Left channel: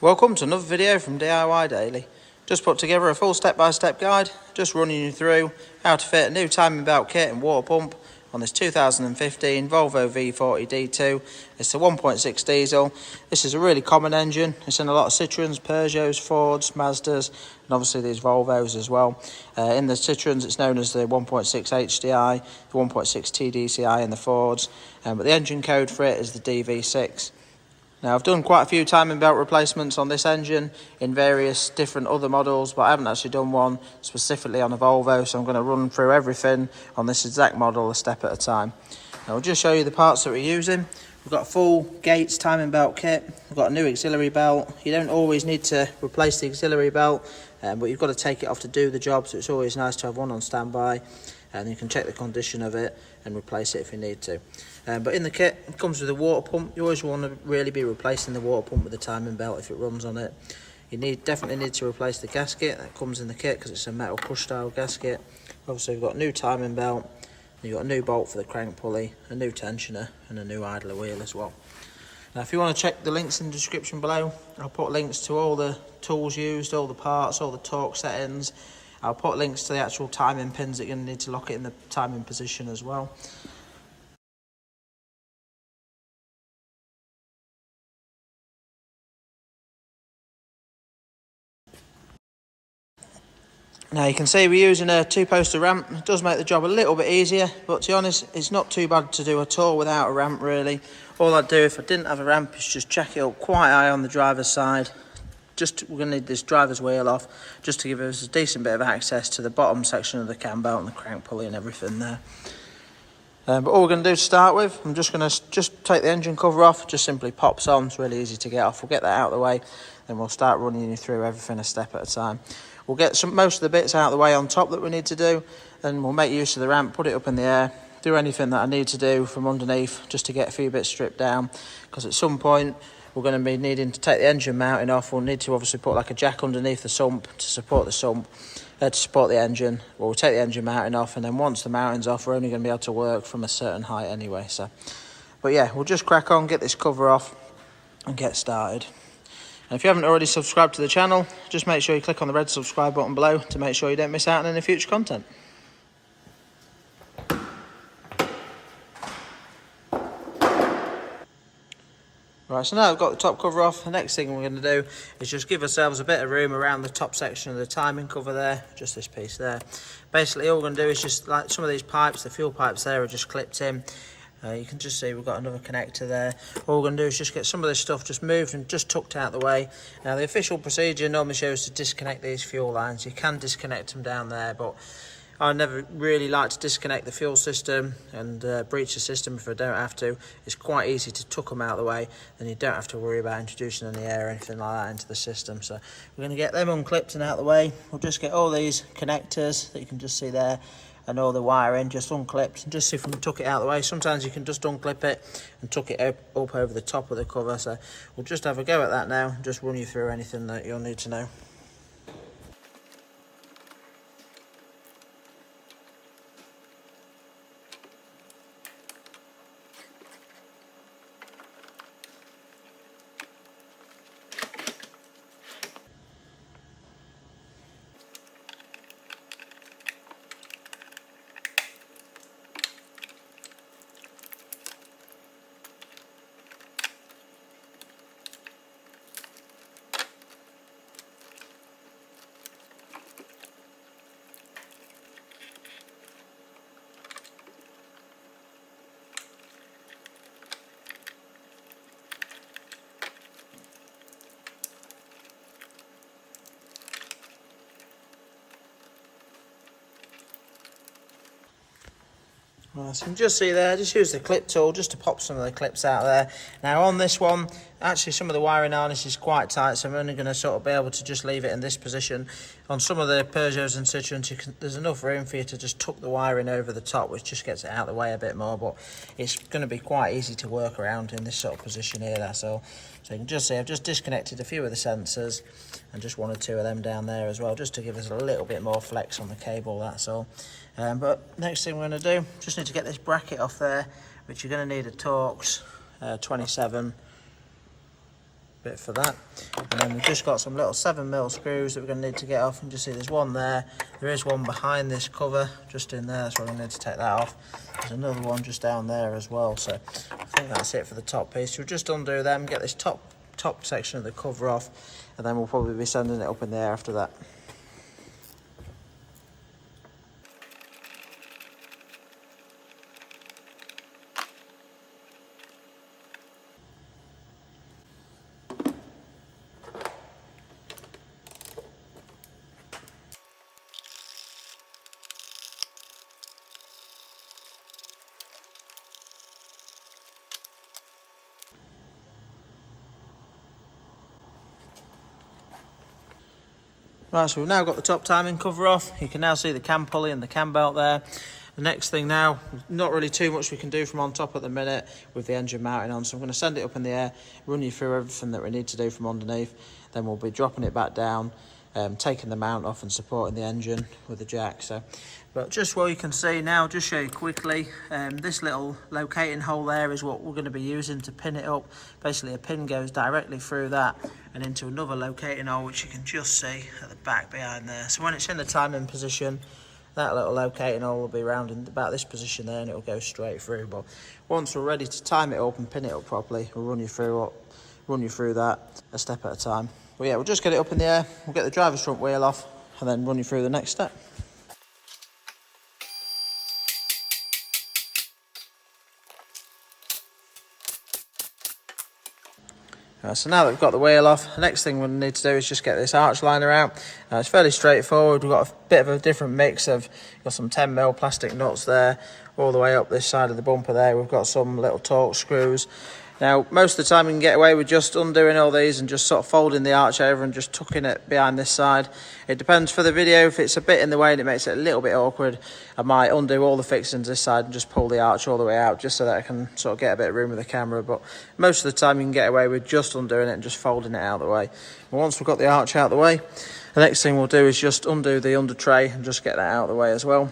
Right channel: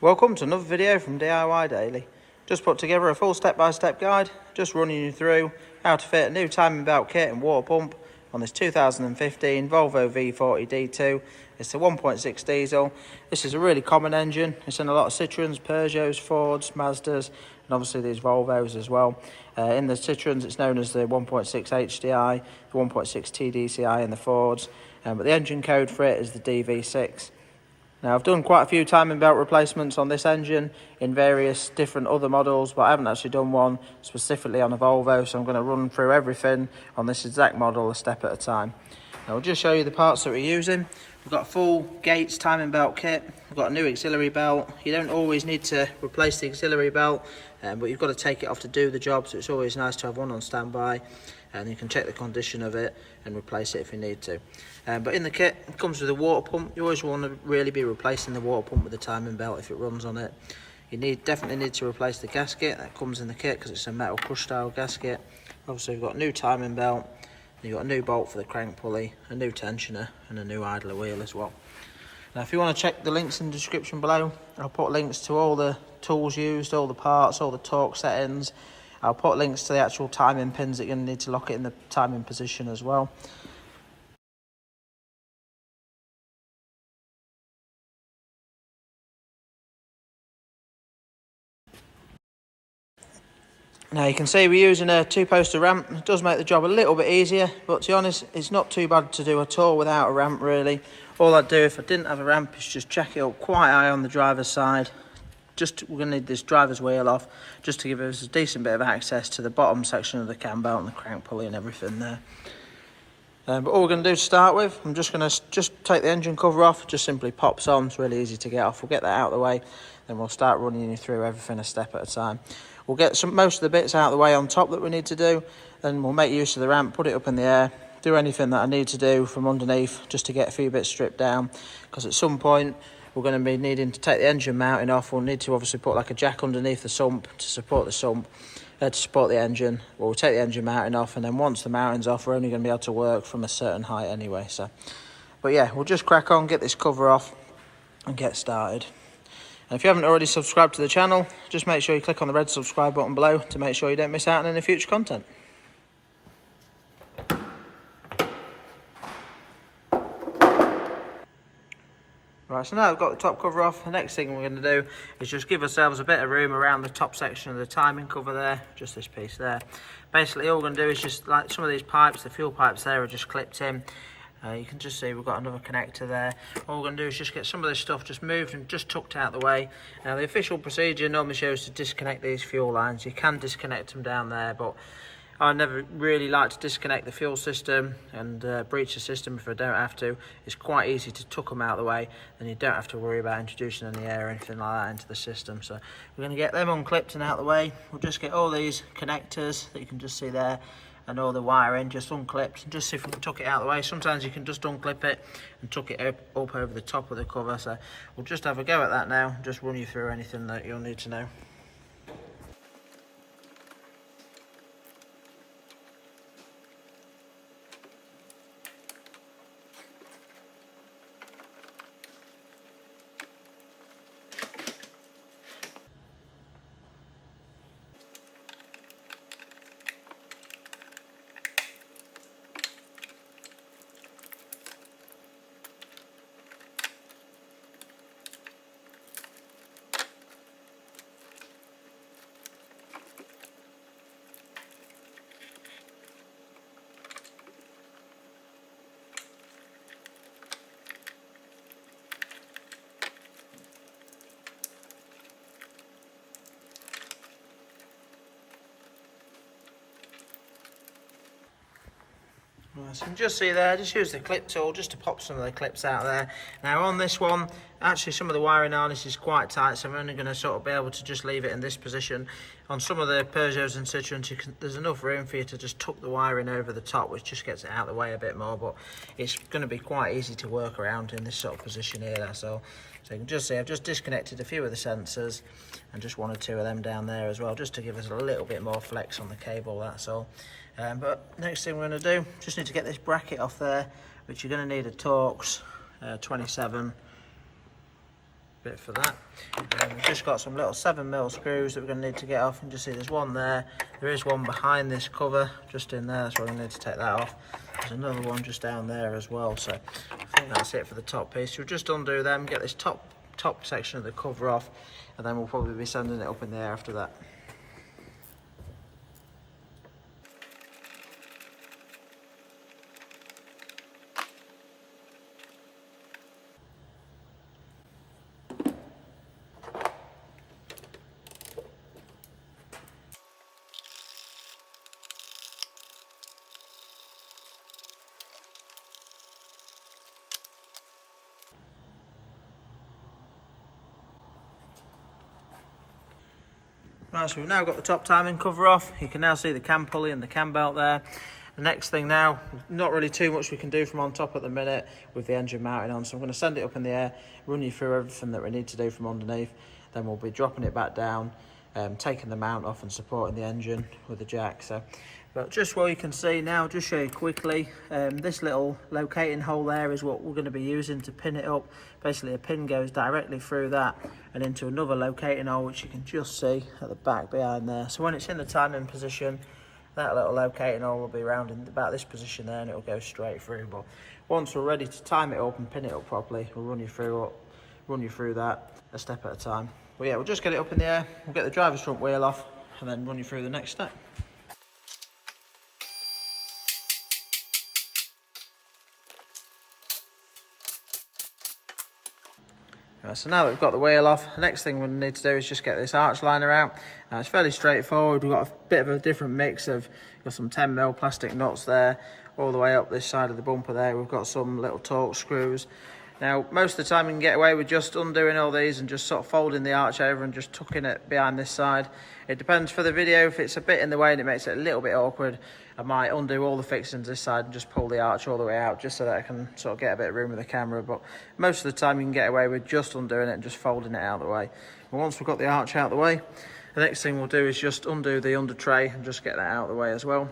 Welcome to another video from DIY Daily. Just put together a full step-by-step guide, just running you through how to fit a new timing belt kit and water pump on this 2015 Volvo V40 D2. It's the 1.6 diesel. This is a really common engine. It's in a lot of Citroens, Peugeots, Fords, Mazdas, and obviously these Volvos as well. In the Citroens, it's known as the 1.6 HDI, the 1.6 TDCI in the Fords, but the engine code for it is the DV6. Now, I've done quite a few timing belt replacements on this engine in various different other models, but I haven't actually done one specifically on a Volvo, so I'm going to run through everything on this exact model a step at a time. Now, I'll just show you the parts that we're using. We've got a full Gates timing belt kit. We've got a new auxiliary belt. You don't always need to replace the auxiliary belt, but you've got to take it off to do the job, so it's always nice to have one on standby, and you can check the condition of it and replace it if you need to. But in the kit, it comes with a water pump. You always want to really be replacing the water pump with the timing belt if it runs on it. You definitely need to replace the gasket that comes in the kit because it's a metal push style gasket. Obviously, we've got a new timing belt, you've got a new bolt for the crank pulley, a new tensioner, and a new idler wheel as well. Now, if you want to check the links in the description below, I'll put links to all the tools used, all the parts, all the torque settings. I'll put links to the actual timing pins that you're going to need to lock it in the timing position as well. Now you can see we're using a two-poster ramp. It does make the job a little bit easier, but to be honest, it's not too bad to do at all without a ramp really. All I'd do if I didn't have a ramp is just jack it up quite high on the driver's side. We're going to need this driver's wheel off just to give us a decent bit of access to the bottom section of the cam belt and the crank pulley and everything there. But all we're going to do to start with, I'm just going to take the engine cover off. Just simply pops on. It's really easy to get off. We'll get that out of the way, then we'll start running you through everything a step at a time. We'll get most of the bits out of the way on top that we need to do, and we'll make use of the ramp, put it up in the air, do anything that I need to do from underneath just to get a few bits stripped down, because at some point we're going to be needing to take the engine mounting off. We'll need to obviously put like a jack underneath the sump to support the sump, to support the engine. We'll take the engine mounting off, and then once the mounting's off, we're only going to be able to work from a certain height anyway. But yeah, we'll just crack on, get this cover off and get started. And if you haven't already subscribed to the channel, just make sure you click on the red subscribe button below to make sure you don't miss out on any future content. Right, so now I've got the top cover off, the next thing we're going to do is just give ourselves a bit of room around the top section of the timing cover there, just this piece there. Basically all we're going to do is just, like some of these pipes, the fuel pipes there are just clipped in. You can just see we've got another connector there. All we're going to do is just get some of this stuff just moved and just tucked out the way. Now the official procedure normally shows to disconnect these fuel lines. You can disconnect them down there, but I never really like to disconnect the fuel system and breach the system if I don't have to. It's quite easy to tuck them out of the way, and you don't have to worry about introducing any air or anything like that into the system. So we're going to get them unclipped and out of the way. We'll just get all these connectors that you can just see there and all the wiring just unclipped, and just see if we can tuck it out of the way. Sometimes you can just unclip it and tuck it up over the top of the cover. So we'll just have a go at that now, just run you through anything that you'll need to know. So you can just see there, just use the clip tool just to pop some of the clips out there. Now on this one, actually some of the wiring harness is quite tight, so I'm only going to sort of be able to just leave it in this position. On some of the Peugeots and Citroens, there's enough room for you to just tuck the wiring over the top, which just gets it out of the way a bit more, but it's going to be quite easy to work around in this sort of position here, that's all. So you can just see I've just disconnected a few of the sensors and just one or two of them down there as well, just to give us a little bit more flex on the cable, that's all. But next thing we're going to do, just need to get this bracket off there, which you're going to need a Torx 27 bit for that. And then we've just got some little 7mm screws that we're going to need to get off. And just see there's one there. There is one behind this cover, just in there. That's why we need to take that off. There's another one just down there as well. So I think that's it for the top piece. We'll just undo them, get this top section of the cover off, and then we'll probably be sending it up in the air after that. Right, so we've now got the top timing cover off. You can now see the cam pulley and the cam belt there. The next thing now, not really too much we can do from on top at the minute with the engine mounting on, so I'm going to send it up in the air, run you through everything that we need to do from underneath, then we'll be dropping it back down, taking the mount off and supporting the engine with the jack. But just what you can see now, just show you quickly, this little locating hole there is what we're going to be using to pin it up. Basically a pin goes directly through that and into another locating hole, which you can just see at the back behind there. So when it's in the timing position, that little locating hole will be round in about this position there, and it'll go straight through. But once we're ready to time it up and pin it up properly, we'll run you through that a step at a time. But yeah, we'll just get it up in the air, we'll get the driver's front wheel off, and then run you through the next step. So now that we've got the wheel off, the next thing we need to do is just get this arch liner out. It's fairly straightforward. We've got a bit of a different mix of, got some 10mm plastic nuts there, all the way up this side of the bumper there. We've got some little torque screws. Now, most of the time you can get away with just undoing all these and just sort of folding the arch over and just tucking it behind this side. It depends for the video. If it's a bit in the way and it makes it a little bit awkward, I might undo all the fixings this side and just pull the arch all the way out, just so that I can sort of get a bit of room with the camera. But most of the time you can get away with just undoing it and just folding it out of the way. And once we've got the arch out of the way, the next thing we'll do is just undo the under tray and just get that out of the way as well.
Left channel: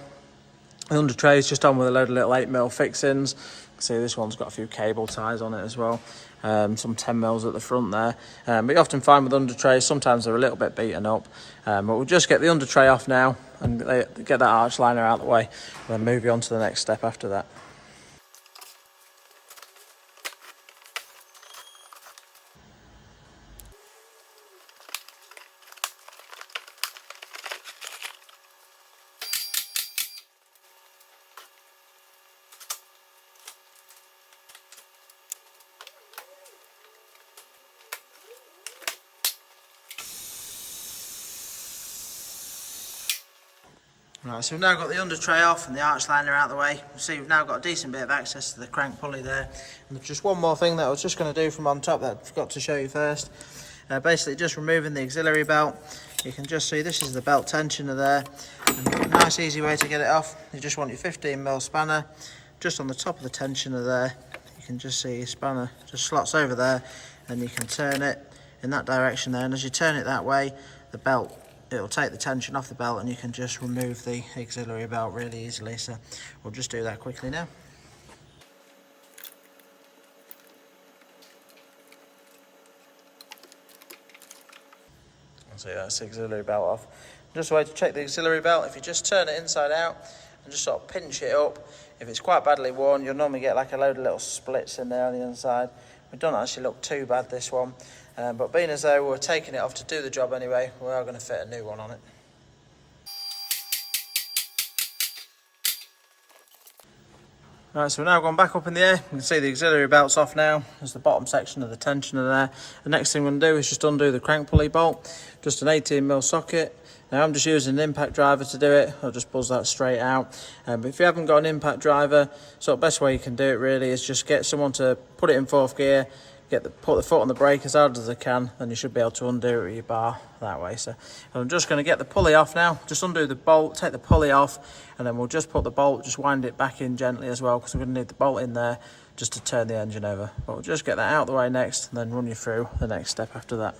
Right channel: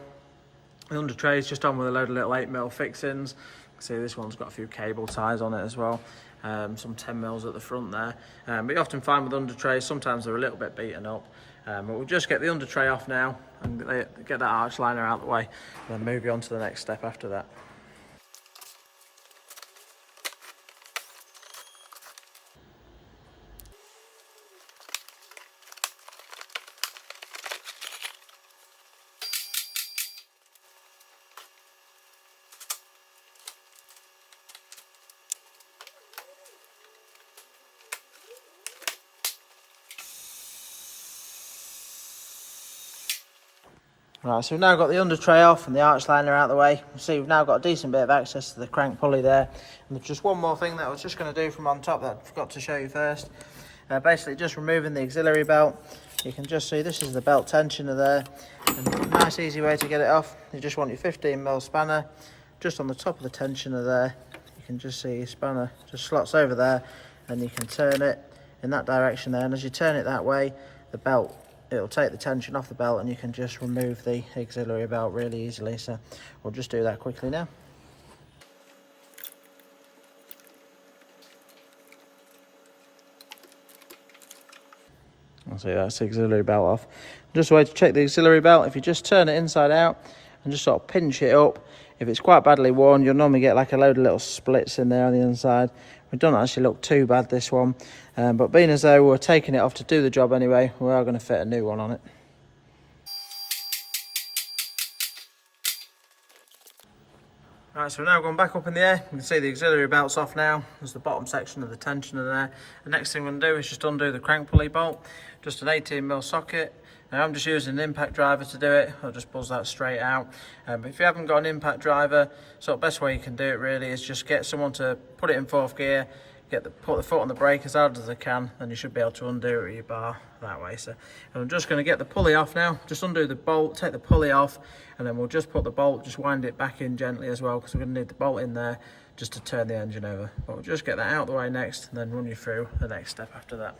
The under tray is just on with a load of little 8mm fixings. See, this one's got a few cable ties on it as well, some 10mm at the front there. But you often find with under trays, sometimes they're a little bit beaten up. But we'll just get the under tray off now and get that arch liner out of the way, and then move you on to the next step after that. Right, so we've now got the under tray off and the arch liner out of the way. You see we've now got a decent bit of access to the crank pulley there. And just one more thing that I was just going to do from on top that I forgot to show you first. Basically just removing the auxiliary belt. You can just see this is the belt tensioner there. And a nice easy way to get it off. You just want your 15mm spanner just on the top of the tensioner there. You can just see your spanner just slots over there, and you can turn it in that direction there. And as you turn it that way, the belt, it'll take the tension off the belt, and you can just remove the auxiliary belt really easily. So we'll just do that quickly now. So that's the auxiliary belt off. Just a way to check the auxiliary belt, if you just turn it inside out and just sort of pinch it up, if it's quite badly worn, you'll normally get like a load of little splits in there on the inside. It doesn't actually look too bad, this one, but being as though we're taking it off to do the job anyway, we are going to fit a new one on it. Right, so we're now going back up in the air. You can see the auxiliary belt's off now. There's the bottom section of the tensioner there. The next thing we're going to do is just undo the crank pulley bolt, just an 18mm socket. Now I'm just using an impact driver to do it. I'll just buzz that straight out. But if you haven't got an impact driver, so the best way you can do it really is just get someone to put it in 4th gear, put the foot on the brake as hard as they can, then you should be able to undo it with your bar that way. So I'm just going to get the pulley off now, just undo the bolt, take the pulley off, and then we'll just put the bolt, just wind it back in gently as well, because we're going to need the bolt in there just to turn the engine over. But we'll just get that out of the way next, and then run you through the next step after that.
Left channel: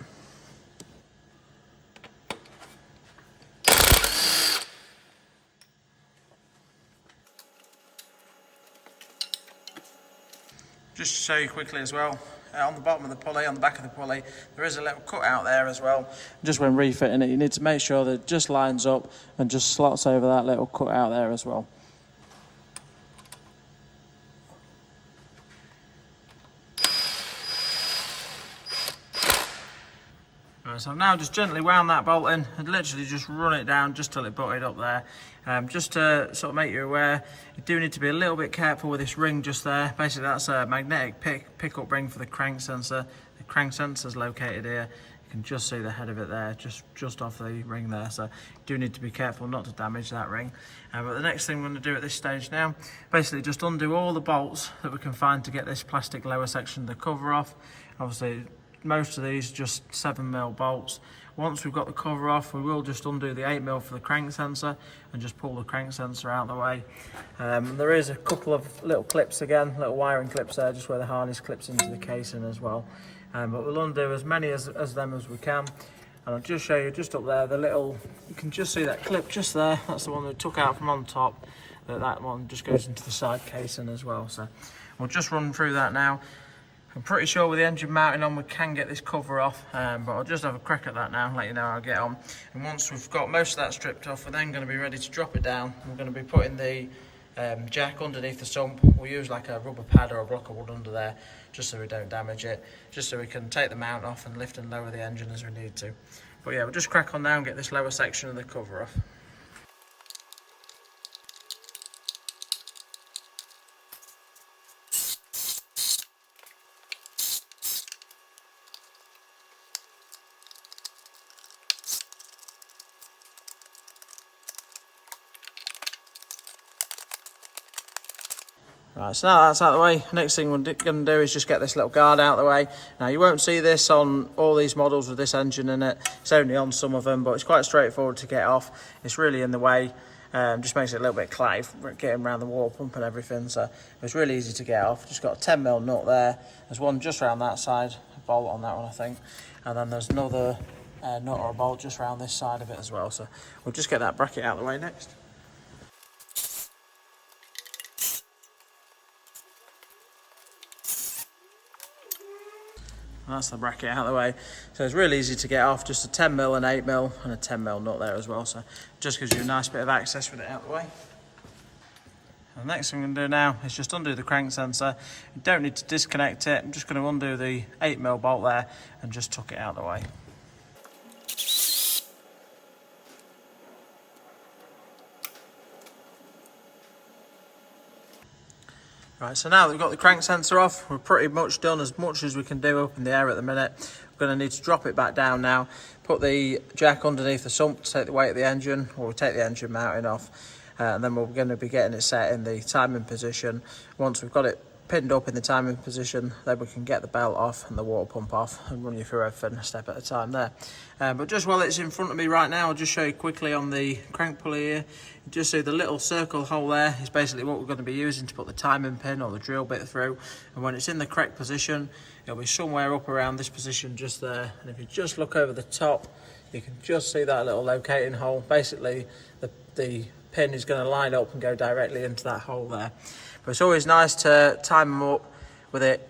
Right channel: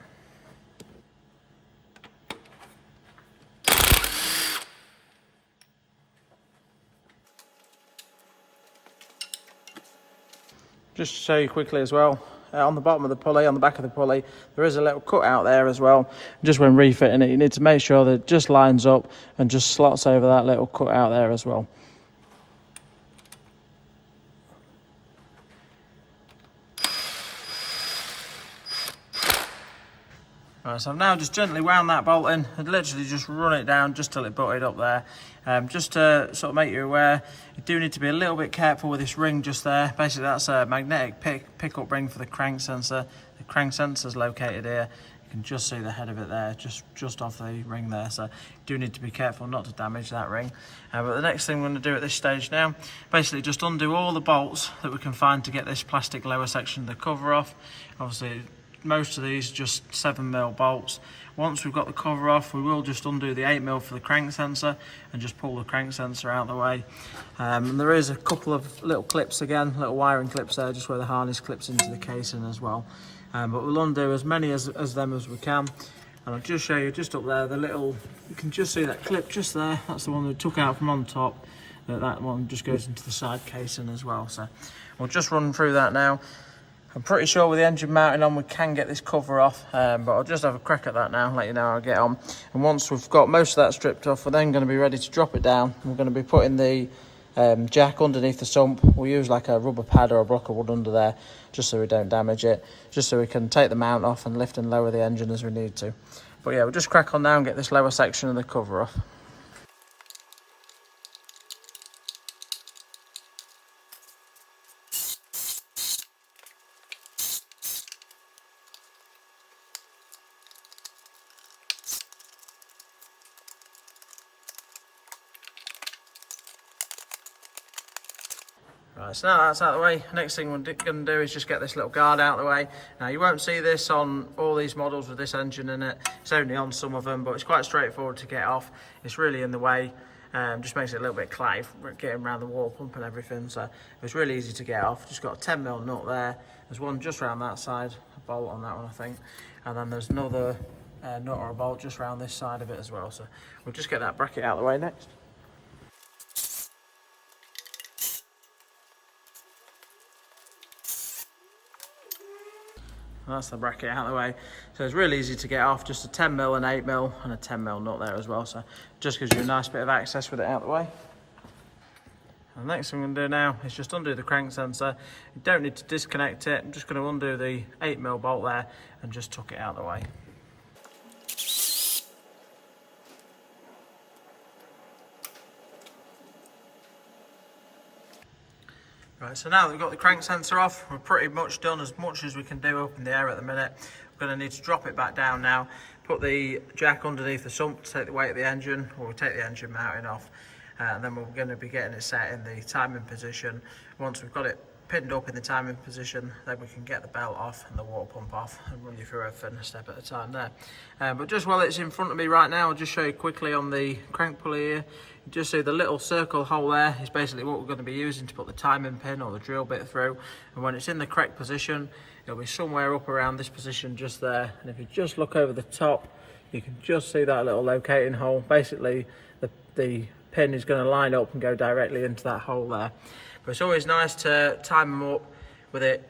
Just to show you quickly as well, on the bottom of the pulley, on the back of the pulley, there is a little cut out there as well. Just when refitting it, you need to make sure that it just lines up and just slots over that little cut out there as well. Right, so I've now just gently wound that bolt in and literally just run it down just till it butted up there. Just to sort of make you aware, you do need to be a little bit careful with this ring just there. Basically that's a magnetic pickup ring for the crank sensor. The crank sensor is located here. You can just see the head of it there, just off the ring there. So you do need to be careful not to damage that ring. But the next thing we're going to do at this stage now, basically just undo all the bolts that we can find to get this plastic lower section of the cover off. Obviously, most of these are just 7mm bolts. Once we've got the cover off, we will just undo the 8mm for the crank sensor and just pull the crank sensor out of the way. And there is a couple of little clips again, little wiring clips there, just where the harness clips into the casing as well. But we'll undo as many as them as we can. And I'll just show you just up there, the little, you can just see that clip just there. That's the one that we took out from on top. That one just goes into the side casing as well. So we'll just run through that now. I'm pretty sure with the engine mounting on we can get this cover off, but I'll just have a crack at that now and let you know how I get on. And once we've got most of that stripped off, we're then going to be ready to drop it down. We're going to be putting the jack underneath the sump. We'll use like a rubber pad or a block of wood under there, just so we don't damage it, just so we can take the mount off and lift and lower the engine as we need to. But yeah, we'll just crack on now and get this lower section of the cover off. Right, so now that's out of the way, next thing we're going to do is just get this little guard out of the way. Now you won't see this on all these models with this engine in it, it's only on some of them, but it's quite straightforward to get off. It's really in the way, just makes it a little bit clatty getting around the water pump and everything, so it's really easy to get off. Just got a 10mm nut there, there's one just around that side, a bolt on that one I think, and then there's another nut or a bolt just around this side of it as well. So we'll just get that bracket out of the way next. That's the bracket out of the way. So it's really easy to get off, just a 10mm, an 8mm and a 10mm nut there as well. So just gives you a nice bit of access with it out of the way. And the next thing I'm going to do now is just undo the crank sensor. You don't need to disconnect it. I'm just going to undo the 8mm bolt there and just tuck it out of the way. Right, so now that we've got the crank sensor off, we're pretty much done as much as we can do up in the air at the minute. We're going to need to drop it back down now, put the jack underneath the sump to take the weight of the engine, or we'll take the engine mounting off, and then we're going to be getting it set in the timing position. Once we've got it pinned up in the timing position, then we can get the belt off and the water pump off and run you through everything a step at a time there. But just while it's in front of me right now, I'll just show you quickly on the crank pulley here. You just see the little circle hole there is basically what we're going to be using to put the timing pin or the drill bit through, and when it's in the correct position it'll be somewhere up around this position just there, and if you just look over the top you can just see that little locating hole. Basically the pin is going to line up and go directly into that hole there. But it's always nice to time them up with it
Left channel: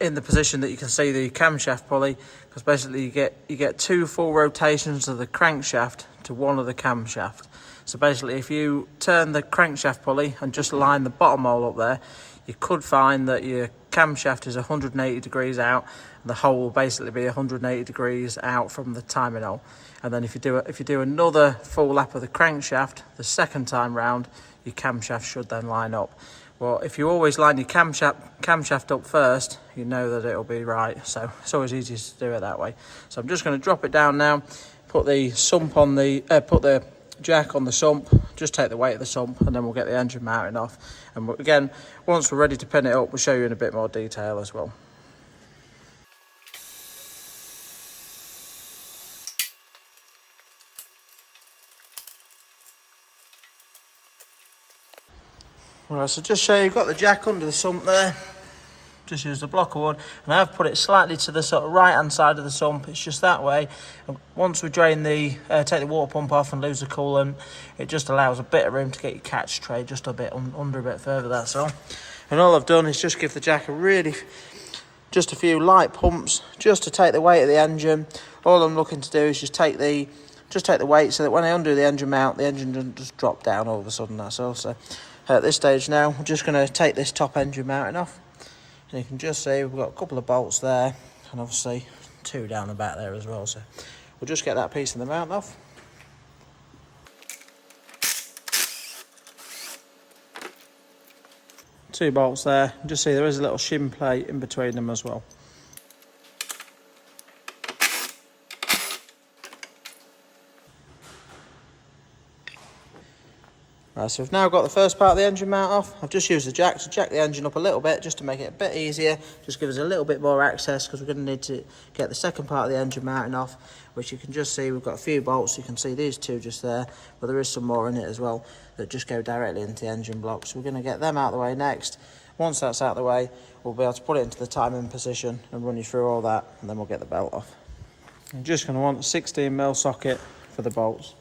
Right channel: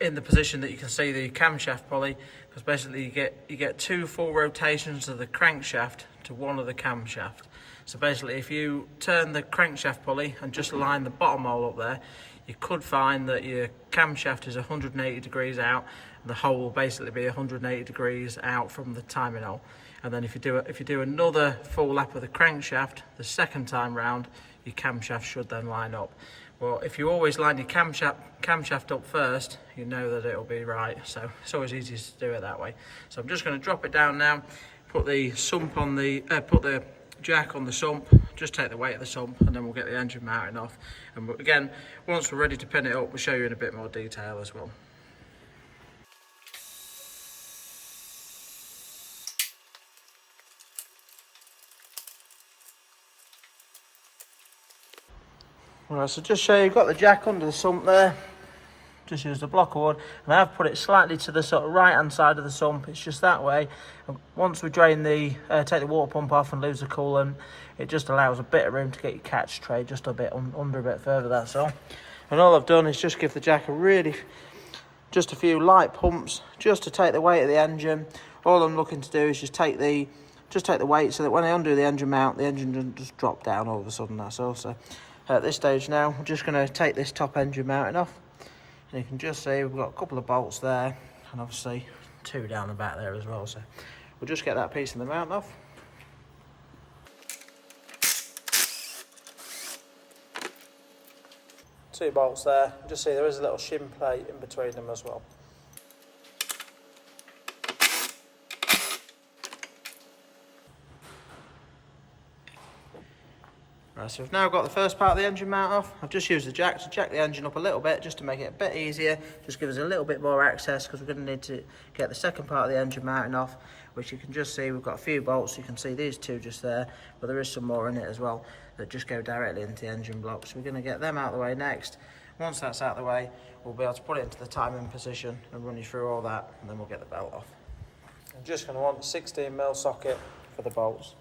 in the position that you can see the camshaft pulley, because basically you get 2 full rotations of the crankshaft to one of the camshaft. So basically if you turn the crankshaft pulley and just line the bottom hole up there, you could find that your camshaft is 180 degrees out and the hole will basically be 180 degrees out from the timing hole. And then if you do another full lap of the crankshaft the second time round, your camshaft should then line up. Well, if you always line your camshaft up first, you know that it'll be right. So it's always easiest to do it that way. So I'm just going to drop it down now, put the sump on the, put the jack on the sump, just take the weight of the sump, and then we'll get the engine mounting off. And again, once we're ready to pin it up, we'll show you in a bit more detail as well. Right, so just show you, you've got the jack under the sump there. Just used a block of wood, and I've put it slightly to the sort of right hand side of the sump. It's just that way. And once we drain the take the water pump off and lose the coolant, it just allows a bit of room to get your catch tray just a bit under a bit further, that's all. And all I've done is just give the jack a really just a few light pumps just to take the weight of the engine. All I'm looking to do is just take the weight so that when I undo the engine mount, the engine doesn't just drop down all of a sudden, that's all. So at this stage now, I'm just going to take this top engine mounting off. And you can just see we've got a couple of bolts there, and obviously 2 down the back there as well. So we'll just get that piece of the mount off. Two bolts there. Just see there is a little shim plate in between them as well. Right, so we've now got the first part of the engine mount off. I've just used the jack to jack the engine up a little bit just to make it a bit easier, just give us a little bit more access, because we're going to need to get the second part of the engine mounting off, which you can just see we've got a few bolts. You can see these 2 just there, but there is some more in it as well that just go directly into the engine block. So we're going to get them out of the way next. Once that's out of the way, we'll be able to put it into the timing position and run you through all that, and then we'll get the belt off. I'm just going to want a 16mm socket for the bolts.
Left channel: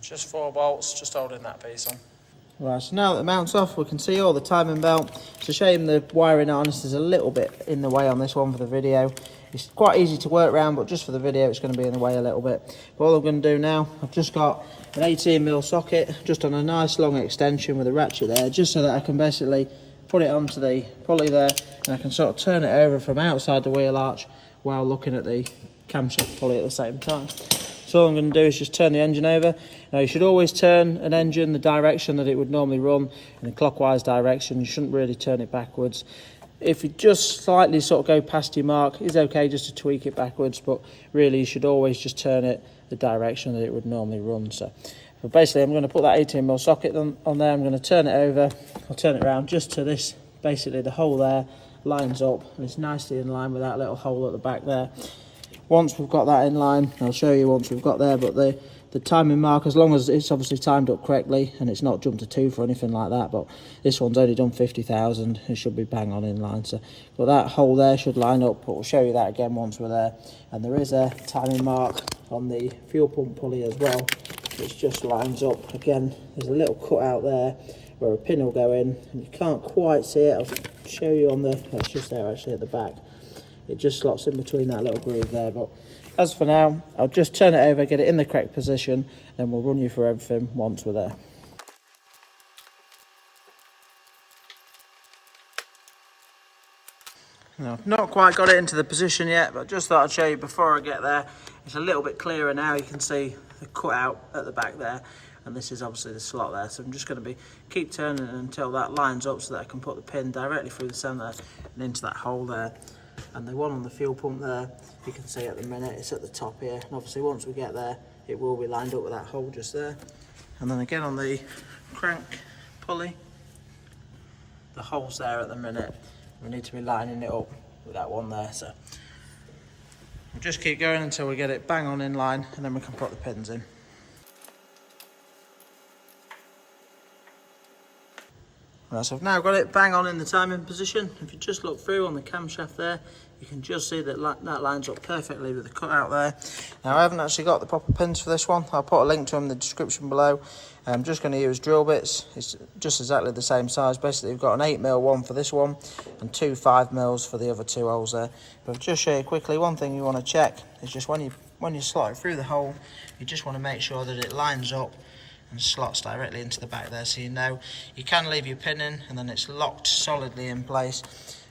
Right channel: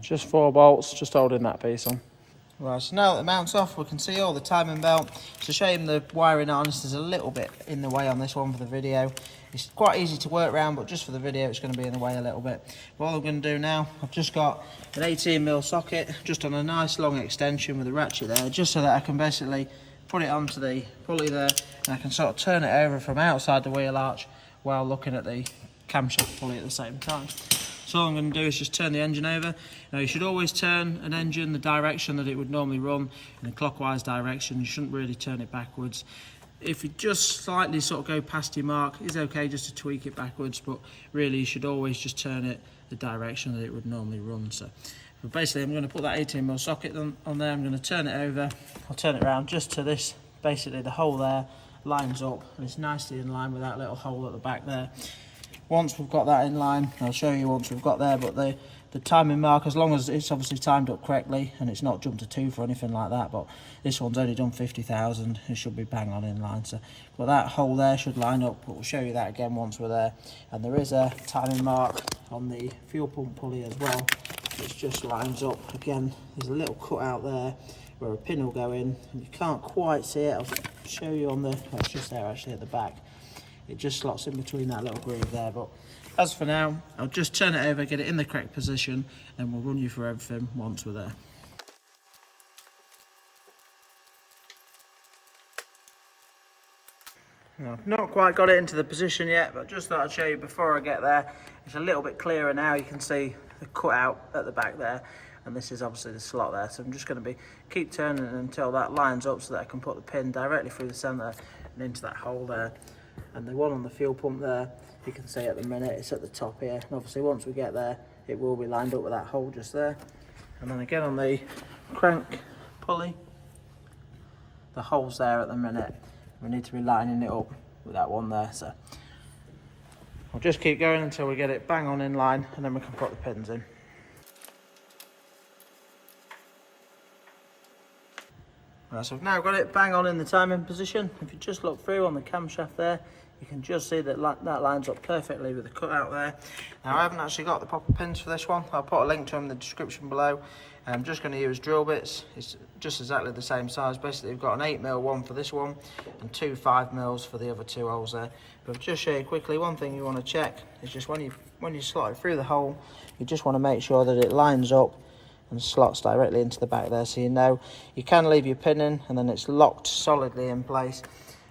Just 4 bolts, just holding that piece on. Right, so now that the mount's off, we can see all the timing belt. It's a shame the wiring harness is a little bit in the way on this one for the video. It's quite easy to work around, but just for the video, it's going to be in the way a little bit. But all I'm going to do now, I've just got an 18mm socket, just on a nice long extension with a ratchet there, just so that I can basically put it onto the pulley there, and I can sort of turn it over from outside the wheel arch while looking at the camshaft pulley at the same time. So all I'm going to do is just turn the engine over. Now you should always turn an engine the direction that it would normally run, in a clockwise direction. You shouldn't really turn it backwards. If you just slightly sort of go past your mark, it's okay just to tweak it backwards, but really you should always just turn it the direction that it would normally run. So but basically I'm going to put that 18mm socket on there. I'm going to turn it over. I'll turn it around just to this. Basically the hole there lines up, and it's nicely in line with that little hole at the back there. Once we've got that in line, I'll show you once we've got there, but the timing mark, as long as it's obviously timed up correctly and it's not jumped to 2 or anything like that, but this one's only done 50,000, it should be bang on in line. So, but that hole there should line up, but we'll show you that again once we're there. And there is a timing mark on the fuel pump pulley as well, which just lines up. Again, there's a little cut out there where a pin will go in, and you can't quite see it. I'll show you on the, it's just there actually at the back. It just slots in between that little groove there, but as for now, I'll just turn it over, get it in the correct position, then we'll run you through everything once we're there. Now, I've not quite got it into the position yet, but just thought I'd show you before I get there. It's a little bit clearer now. You can see the cutout at the back there, and this is obviously the slot there. So I'm just going to keep turning until that lines up so that I can put the pin directly through the centre and into that hole there. And the one on the fuel pump there, you can see at the minute it's at the top here, and obviously once we get there it will be lined up with that hole just there. And then again on the crank pulley, the hole's there at the minute, we need to be lining it up with that one there. So I'll just keep going until we get it bang on in line, and then we can put the pins in. Right, so I've now got it bang on in the timing position. If you just look through on the camshaft there, you can just see that that lines up perfectly with the cutout there. Now I haven't actually got the proper pins for this one. I'll put a link to them in the description below. I'm just going to use drill bits. It's just exactly the same size. Basically we've got an 8mm one for this one and 2 5mm for the other 2 holes there. But I'll just show you quickly, one thing you want to check is just when you slot it through the hole, you just want to make sure that it lines up and slots directly into the back there, so you know you can leave your pin in and then it's locked solidly in place.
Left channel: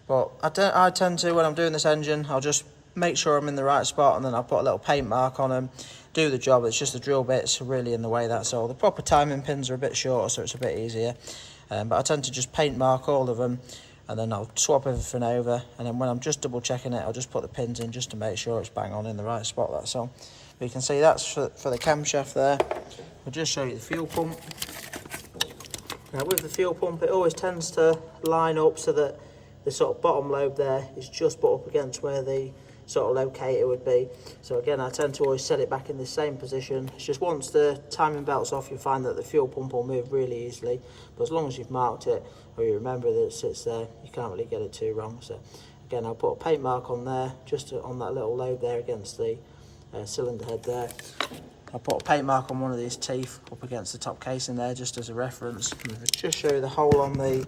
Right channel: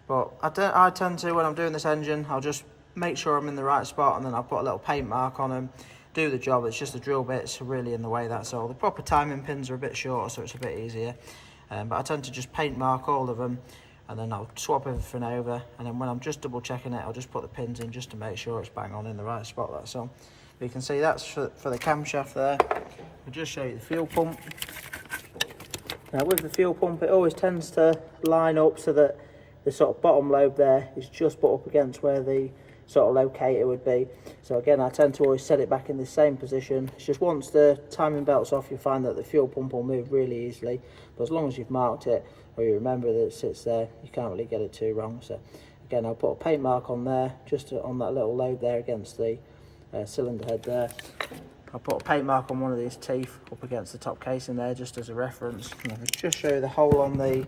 But I tend to, when I'm doing this engine, I'll just make sure I'm in the right spot, and then I'll put a little paint mark on them, do the job. It's just the drill bits really in the way, that's all. The proper timing pins are a bit shorter, so it's a bit easier, but I tend to just paint mark all of them, and then I'll swap everything over, and then when I'm just double checking it, I'll just put the pins in just to make sure it's bang on in the right spot, that's all. But you can see that's for the camshaft there. I'll just show you the fuel pump. Now with the fuel pump, it always tends to line up so that the sort of bottom lobe there is just put up against where the sort of locator would be. So again, I tend to always set it back in the same position. It's just once the timing belt's off, you find that the fuel pump will move really easily. But as long as you've marked it, or you remember that it sits there, you can't really get it too wrong. So again, I'll put a paint mark on there, just on that little lobe there against the cylinder head there. I'll put a paint mark on one of these teeth up against the top casing there, just as a reference. And I'll just show you the hole on the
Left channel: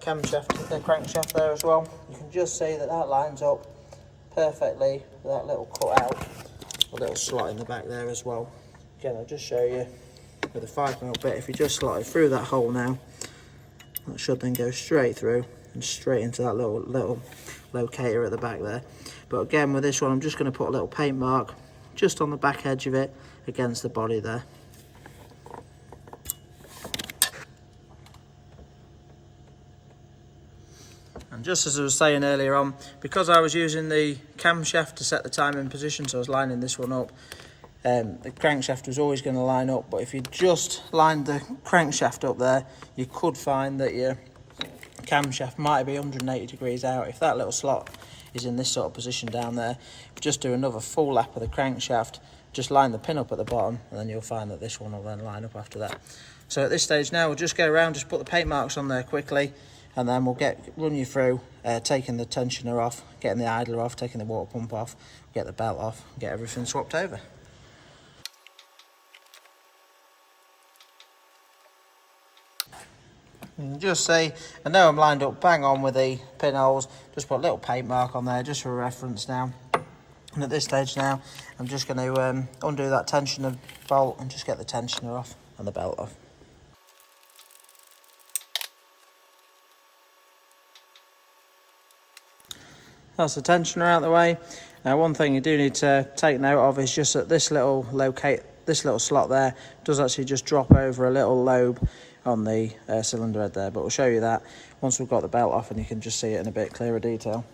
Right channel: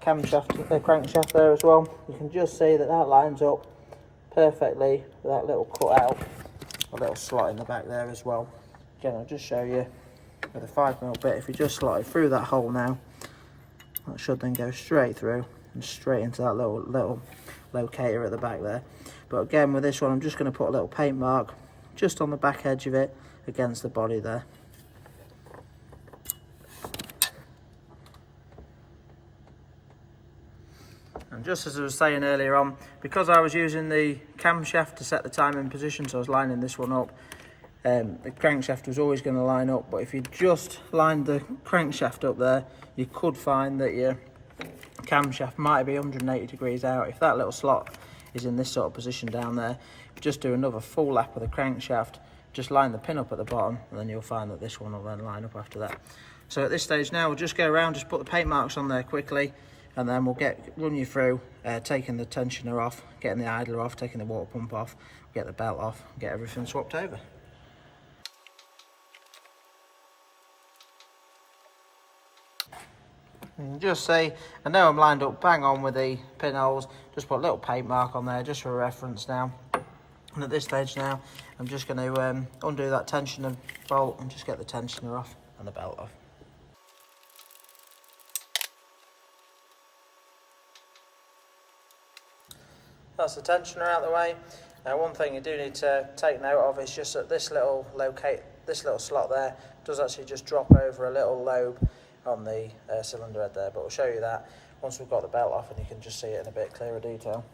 camshaft, the crankshaft there as well. You can just see that that lines up perfectly with that little cut out, a little slot in the back there as well. Again, I'll just show you with a 5mm bit. If you just slot it through that hole now, that should then go straight through and straight into that little locator at the back there. But again, with this one, I'm just going to put a little paint mark just on the back edge of it against the body there. And just as I was saying earlier on, because I was using the camshaft to set the timing position, so I was lining this one up, the crankshaft was always going to line up. But if you just lined the crankshaft up there, you could find that your camshaft might be 180 degrees out. If that little slot is in this sort of position down there, if you just do another full lap of the crankshaft, just line the pin up at the bottom, and then you'll find that this one will then line up after that. So at this stage now, we'll just go around, just put the paint marks on there quickly, and then we'll run you through taking the tensioner off, getting the idler off, taking the water pump off, get the belt off, get everything swapped over. You can just see, I know I'm lined up bang on with the pinholes, just put a little paint mark on there just for reference now. And at this stage now, I'm just going to undo that tensioner bolt and just get the tensioner off and the belt off. That's the tensioner out of the way. Now, one thing you do need to take note of is just that this little slot there does actually just drop over a little lobe on the cylinder head there, but we'll show you that once we've got the belt off and you can just see it in a bit clearer detail.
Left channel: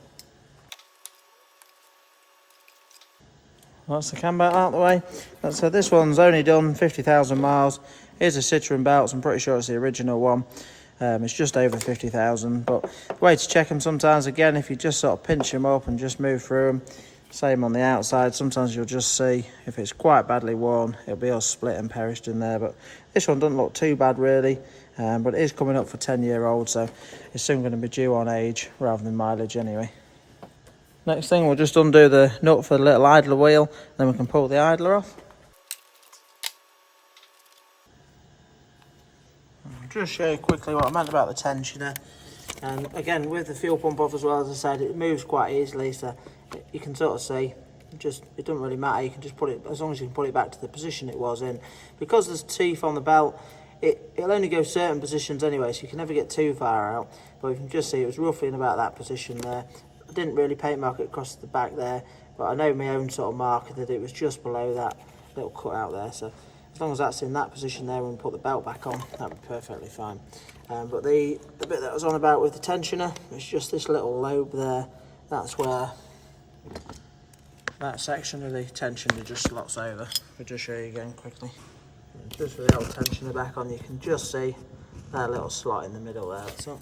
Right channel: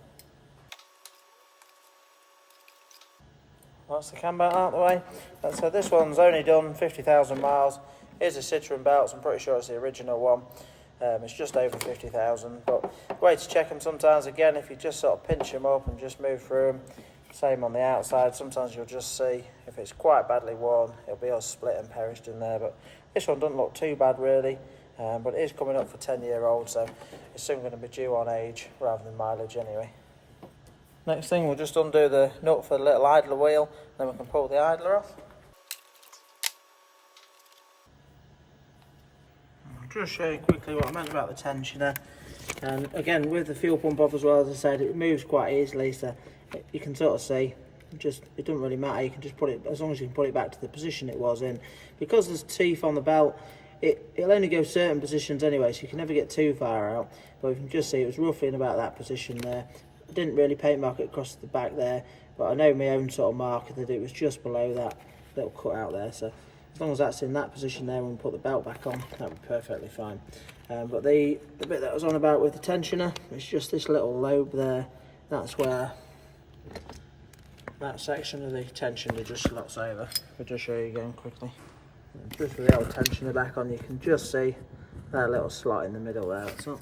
That's the cam belt out of the way. So this one's only done 50,000 miles. Here's a Citroen belt, so I'm pretty sure it's the original one. It's just over 50,000, but the way to check them sometimes, again, if you just sort of pinch them up and just move through them, same on the outside, sometimes you'll just see if it's quite badly worn, it'll be all split and perished in there. But this one doesn't look too bad really, but it is coming up for 10-year-old, so it's soon going to be due on age rather than mileage anyway. Next thing, we'll just undo the nut for the little idler wheel, then we can pull the idler off. I'll just show you quickly what I meant about the tensioner. And again, with the fuel pump off as well, as I said, it moves quite easily, so you can sort of see, it doesn't really matter, you can just put it, as long as you can put it back to the position it was in. Because there's teeth on the belt, it'll only go certain positions anyway, so you can never get too far out. But you can just see it was roughly in about that position there. I didn't really paint mark it across the back there, but I know my own sort of marker that it was just below that little cut out there. So as long as that's in that position there when we put the belt back on, that'll be perfectly fine. But the bit that I was on about with the tensioner, it's just this little lobe there. That's where that section of the tensioner just slots over. I'll just show you again quickly. And just with the old tensioner back on, you can just see that little slot in the middle there. That's all.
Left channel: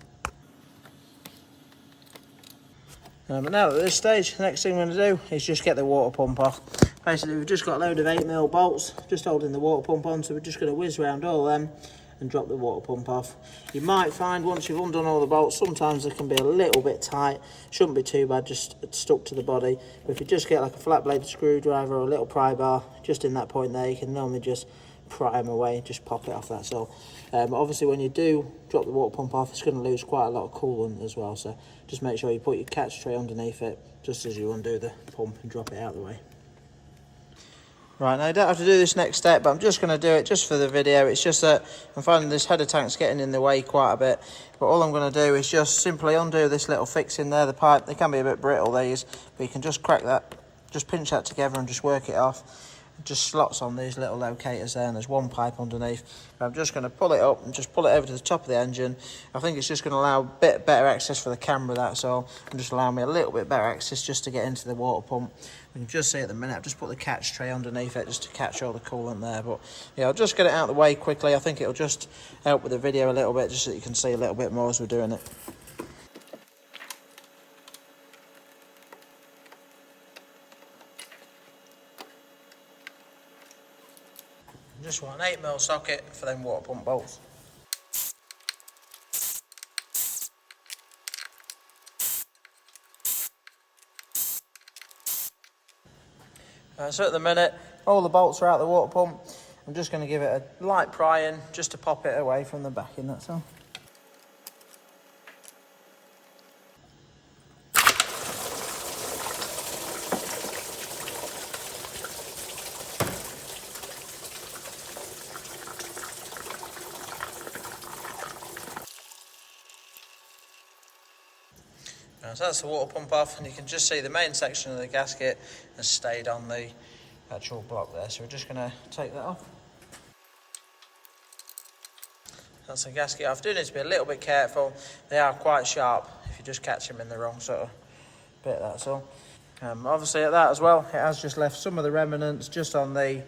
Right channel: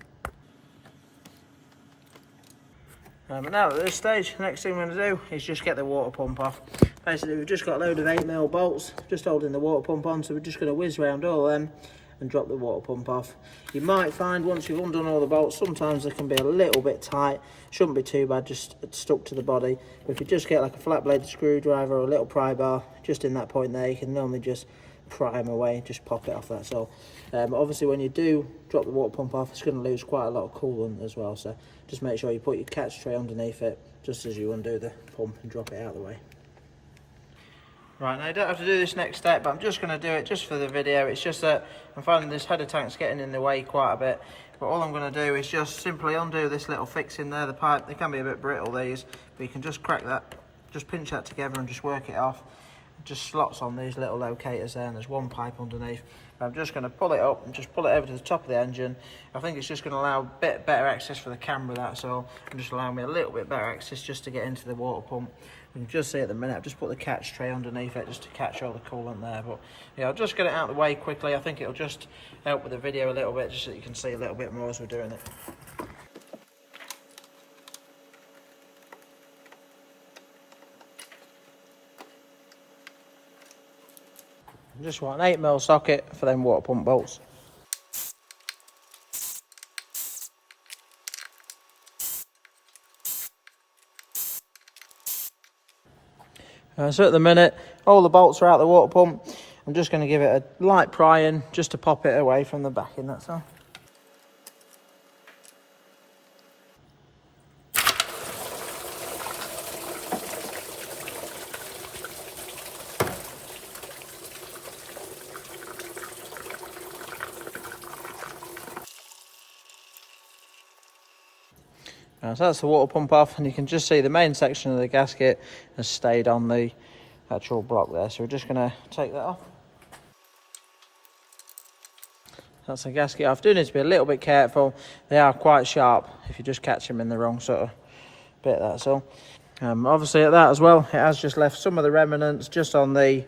But now at this stage, the next thing we're going to do is just get the water pump off. Basically, we've just got a load of 8mm bolts just holding the water pump on, so we're just going to whiz around all of them and drop the water pump off. You might find once you've undone all the bolts, sometimes they can be a little bit tight. Shouldn't be too bad, just stuck to the body. But if you just get like a flat bladed screwdriver or a little pry bar, just in that point there, you can normally just pry them away, just pop it off, that's all. Obviously when you do drop the water pump off, it's going to lose quite a lot of coolant as well, so just make sure you put your catch tray underneath it just as you undo the pump and drop it out of the way. Right, now you don't have to do this next step, but I'm just going to do it just for the video. It's just that I'm finding this header tank's getting in the way quite a bit, but all I'm going to do is just simply undo this little fixing there, the pipe. They can be a bit brittle, these, but you can just crack that, just pinch that together and just work it off. It just slots on these little locators there, and there's one pipe underneath. I'm just going to pull it up and just pull it over to the top of the engine. I think it's just going to allow a bit better access for the camera, that's all, and just allow me a little bit better access just to get into the water pump. You can just see at the minute I've just put the catch tray underneath it just to catch all the coolant there. But yeah, I'll just get it out of the way quickly. I think it'll just help with the video a little bit, just so that you can see a little bit more as we're doing it. Just want an 8mm socket for them water pump bolts. So at the minute, all the bolts are out the water pump. I'm just going to give it a light prying just to pop it away from the backing, that's all. So that's the water pump off, and you can just see the main section of the gasket has stayed on the actual block there. So we're just going to take that off. That's the gasket off. Do need to be a little bit careful. They are quite sharp if you just catch them in the wrong sort of bit, that's all. Obviously at that as well, it has just left some of the remnants just on the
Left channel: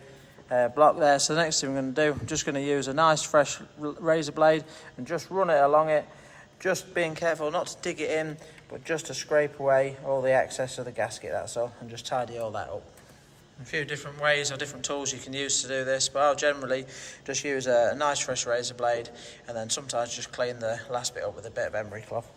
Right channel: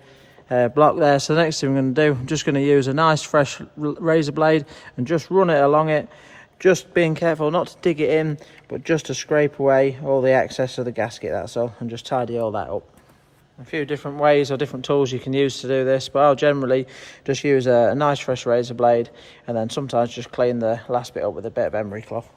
block there. So the next thing I'm going to do, I'm just going to use a nice fresh razor blade and just run it along it. Just being careful not to dig it in, but just to scrape away all the excess of the gasket, that's all, and just tidy all that up. A few different ways or different tools you can use to do this, but I'll generally just use a nice fresh razor blade, and then sometimes just clean the last bit up with a bit of emery cloth.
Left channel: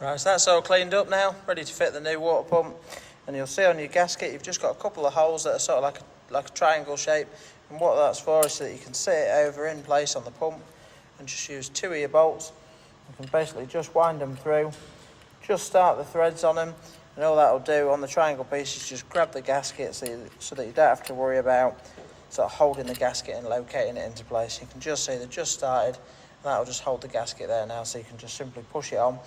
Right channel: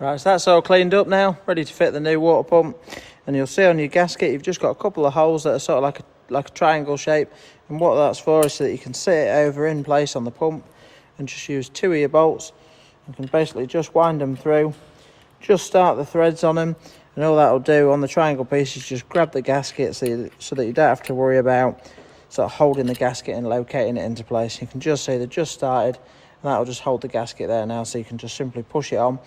Right, so that's all cleaned up now, ready to fit the new water pump. And you'll see on your gasket, you've just got a couple of holes that are sort of like a triangle shape. And what that's for is so that you can sit it over in place on the pump and just use 2 of your bolts. You can basically just wind them through, just start the threads on them. And all that'll do on the triangle piece is just grab the gasket so that you don't have to worry about sort of holding the gasket and locating it into place. You can just see they're just started, and that'll just hold the gasket there now, so you can just simply push it on.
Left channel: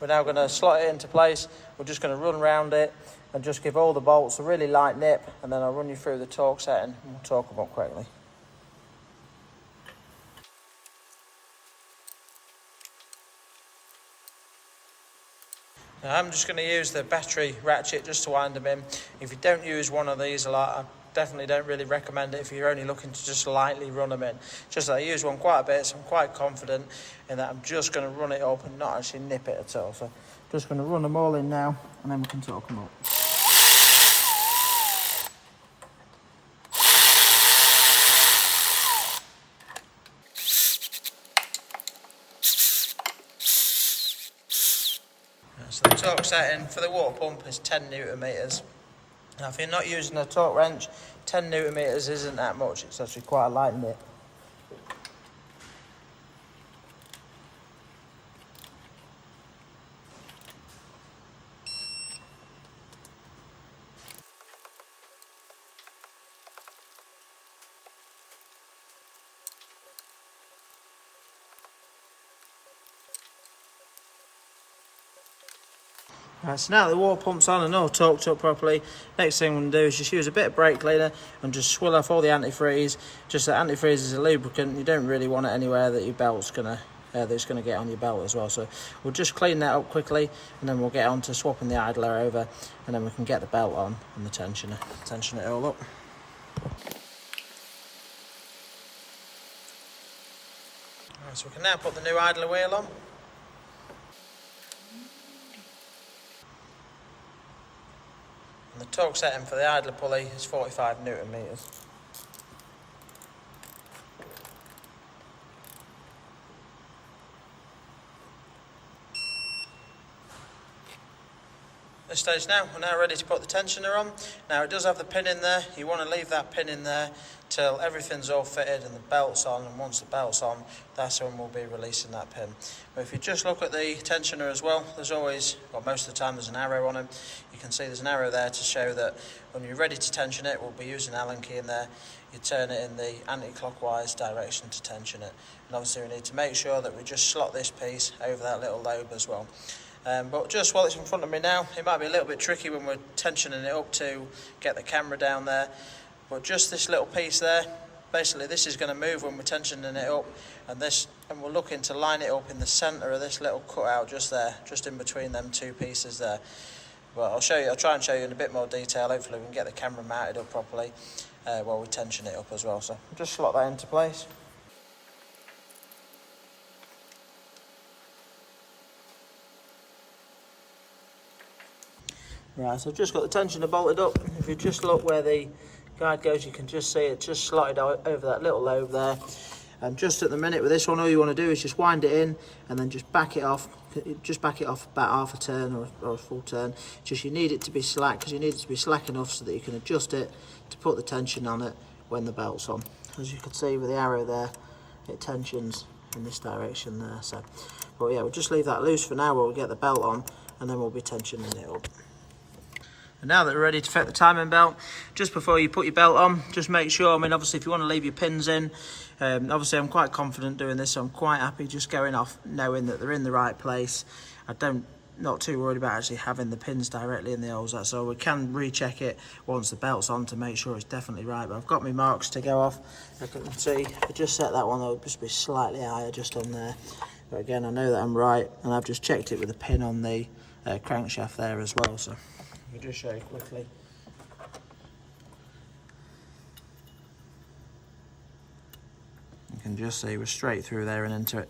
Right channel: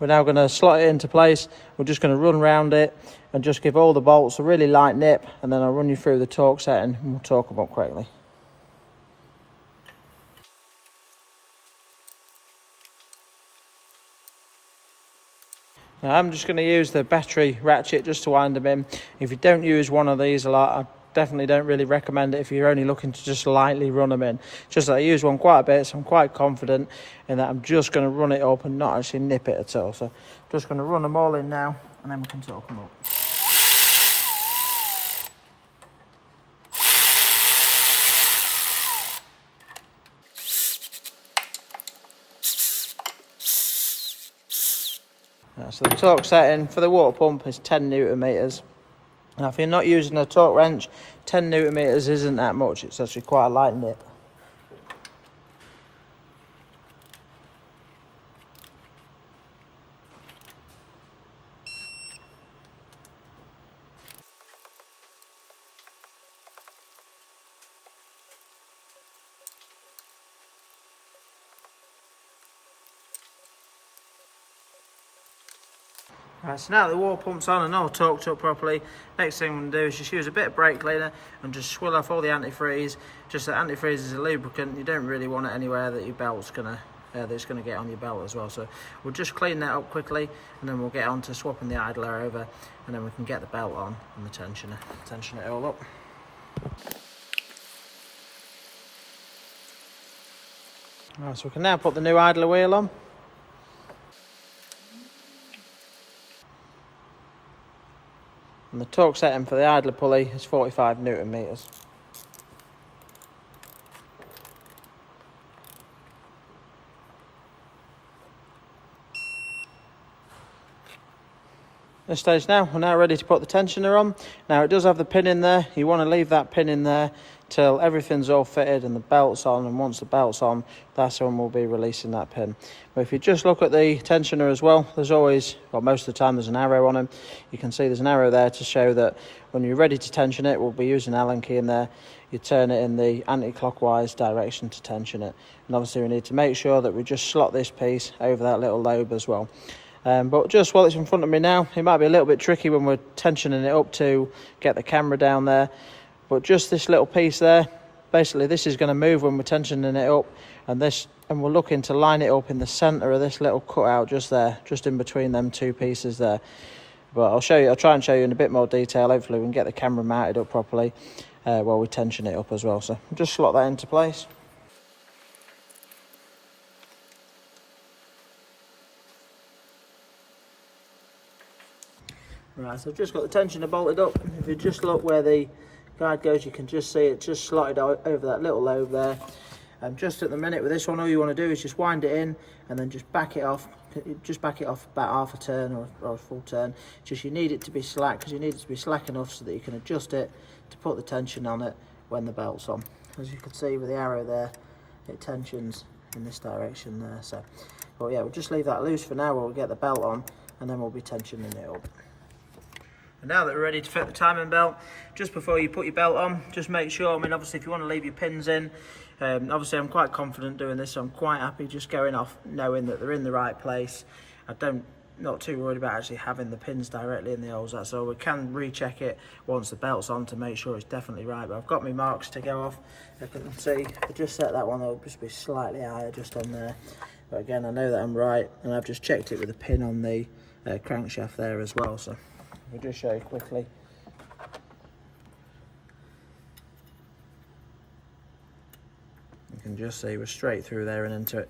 We're now going to slot it into place. We're just going to run around it and just give all the bolts a really light nip, and then I'll run you through the torque setting and we'll torque them up quickly. Now I'm just going to use the battery ratchet just to wind them in. If you don't use one of these a lot, I definitely don't really recommend it if you're only looking to just lightly run them in. Just that I use one quite a bit, so I'm quite confident in that I'm just going to run it up and not actually nip it at all. So just going to run them all in now, and then we can torque them up. So the torque setting for the water pump is 10 Newton meters. Now if you're not using a torque wrench, 10 Newton meters isn't that much, it's actually quite a light nip. Right, so now the water pump's on and all torqued up properly, next thing I'm going to do is just use a bit of brake cleaner and just swill off all the antifreeze. Just that antifreeze is a lubricant, you don't really want it anywhere that your belt's that's going to get on your belt as well. So we'll just clean that up quickly, and then we'll get on to swapping the idler over, and then we can get the belt on and the tensioner, tension it all up. Right, so we can now put the new idler wheel on. And the torque setting for the idler pulley is 45 Newton meters. This stage now, we're now ready to put the tensioner on. Now it does have the pin in there, you want to leave that pin in there till everything's all fitted and the belt's on, and once the belt's on, that's when we'll be releasing that pin. But if you just look at the tensioner as well, there's always, well most of the time there's an arrow on them. You can see there's an arrow there to show that when you're ready to tension it, we'll be using an Allen key in there. You turn it in the anti-clockwise direction to tension it. And obviously we need to make sure that we just slot this piece over that little lobe as well. But just while it's in front of me now, it might be a little bit tricky when we're tensioning it up to get the camera down there. But just this little piece there, basically this is going to move when we're tensioning it up, and we're looking to line it up in the centre of this little cutout just there, just in between them two pieces there. But I'll try and show you in a bit more detail. Hopefully we can get the camera mounted up properly. while we tension it up as well. So just slot that into place. Right, so I've just got the tensioner bolted up. If you just look where the guide goes, you can just see it just slotted over that little lobe there. And just at the minute with this one, all you want to do is just wind it in and then just back it off. Just back it off about half a turn or a full turn. Just you need it to be slack, because you need it to be slack enough so that you can adjust it to put the tension on it when the belt's on. As you can see with the arrow there, it tensions in this direction there. So, but yeah, we'll just leave that loose for now while we get the belt on, and then we'll be tensioning it up. And now that we're ready to fit the timing belt, just before you put your belt on, just make sure, I mean, obviously if you want to leave your pins in, obviously I'm quite confident doing this, so I'm quite happy just going off knowing that they're in the right place. Not too worried about actually having the pins directly in the holes, that's all. We can recheck it once the belt's on to make sure it's definitely right, but I've got my marks to go off. I can see, if I just set that one, it'll just be slightly higher just on there. But again, I know that I'm right, and I've just checked it with a pin on the crankshaft there as well, so I'll just show you quickly. You can just see we're straight through there and into it.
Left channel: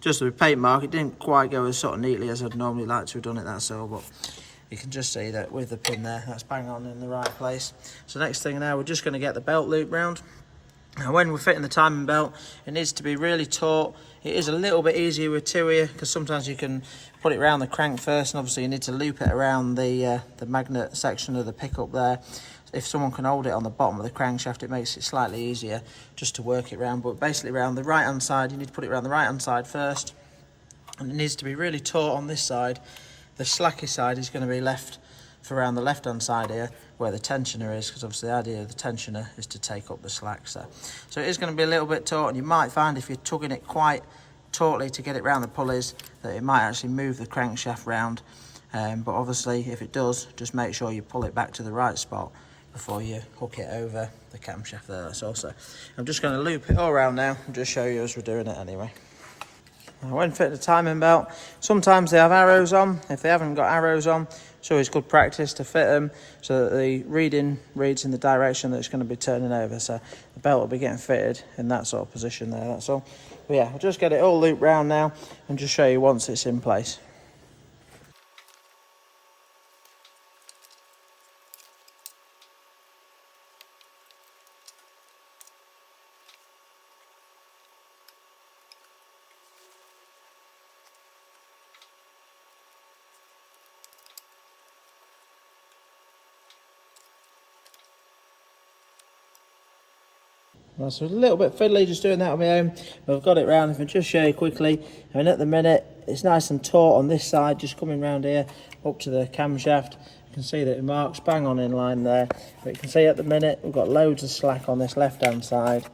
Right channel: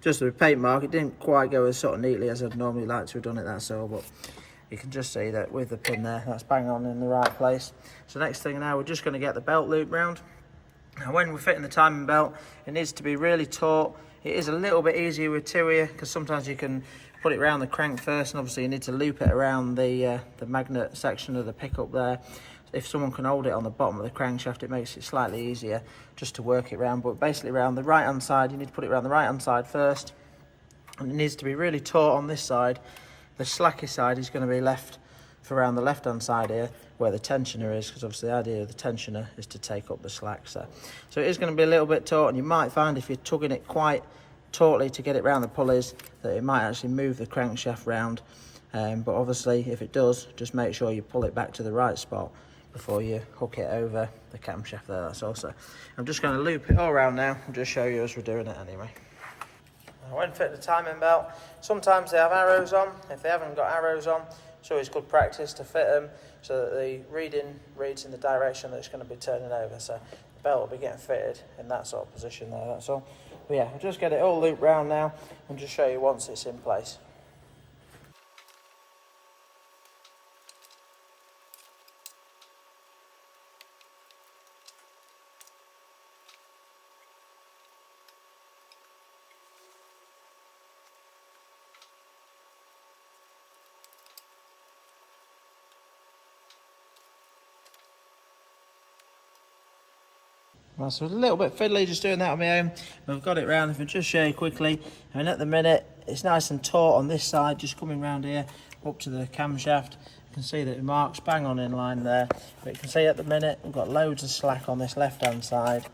Just with paint mark, it didn't quite go as sort of neatly as I'd normally like to have done it, that's all, but you can just see that with the pin there, that's bang on in the right place. So next thing now, we're just going to get the belt loop round. Now when we're fitting the timing belt, it needs to be really taut. It is a little bit easier with two here, because sometimes you can put it around the crank first, and obviously you need to loop it around the magnet section of the pickup there. If someone can hold it on the bottom of the crankshaft, it makes it slightly easier just to work it around. But basically around the right hand side, you need to put it around the right hand side first, and it needs to be really taut on this side. The slacky side is going to be left for around the left hand side here, where the tensioner is, because obviously the idea of the tensioner is to take up the slack. So it is going to be a little bit taut, and you might find if you're tugging it quite tautly to get it round the pulleys that it might actually move the crankshaft round, but obviously if it does, just make sure you pull it back to the right spot before you hook it over the camshaft there, that's all. So I'm just going to loop it all around now and just show you as we're doing it anyway. Now, when fitting the timing belt, sometimes they have arrows on. If they haven't got arrows on, it's always good practice to fit them so that the reading reads in the direction that it's going to be turning over. So the belt will be getting fitted in that sort of position there, that's all. But yeah, I'll just get it all looped round now and just show you once it's in place. Well, so a little bit fiddly just doing that on my own, but I've got it round. If I just show you quickly, I mean at the minute it's nice and taut on this side, just coming round here up to the camshaft. You can see that it marks bang on in line there. But you can see at the minute we've got loads of slack on this left hand side.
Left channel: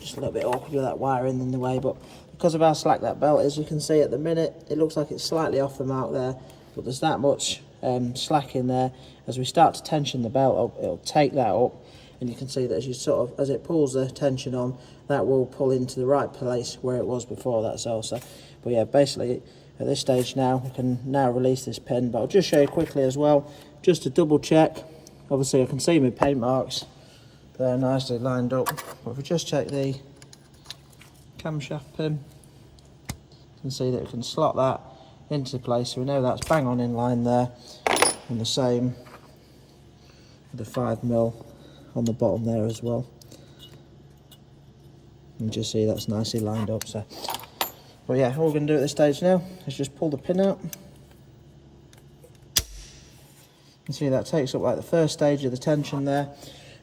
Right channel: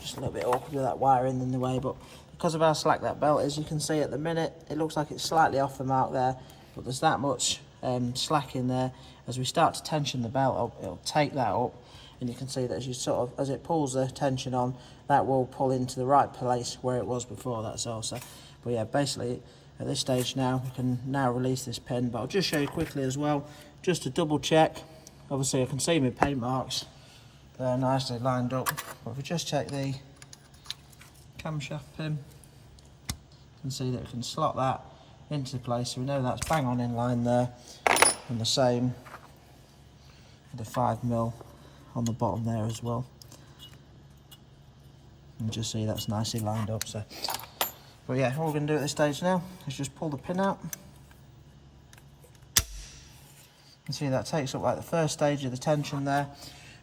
Just a little bit awkward with that wiring in the way, but because of how slack that belt is, you can see at the minute it looks like it's slightly off the mark there, but there's that much slack in there. As we start to tension the belt up, it'll take that up. And you can see that as it pulls the tension on, that will pull into the right place where it was before, that's all. So, but yeah, basically at this stage now, we can now release this pin, but I'll just show you quickly as well, just to double check. Obviously I can see my paint marks, they're nicely lined up. But if we just check the camshaft pin, you can see that we can slot that into place, so we know that's bang on in line there. And the same with the 5mm on the bottom there as well. You just see that's nicely lined up. So, but yeah, all we're going to do at this stage now is just pull the pin out. You see that takes up like the first stage of the tension there,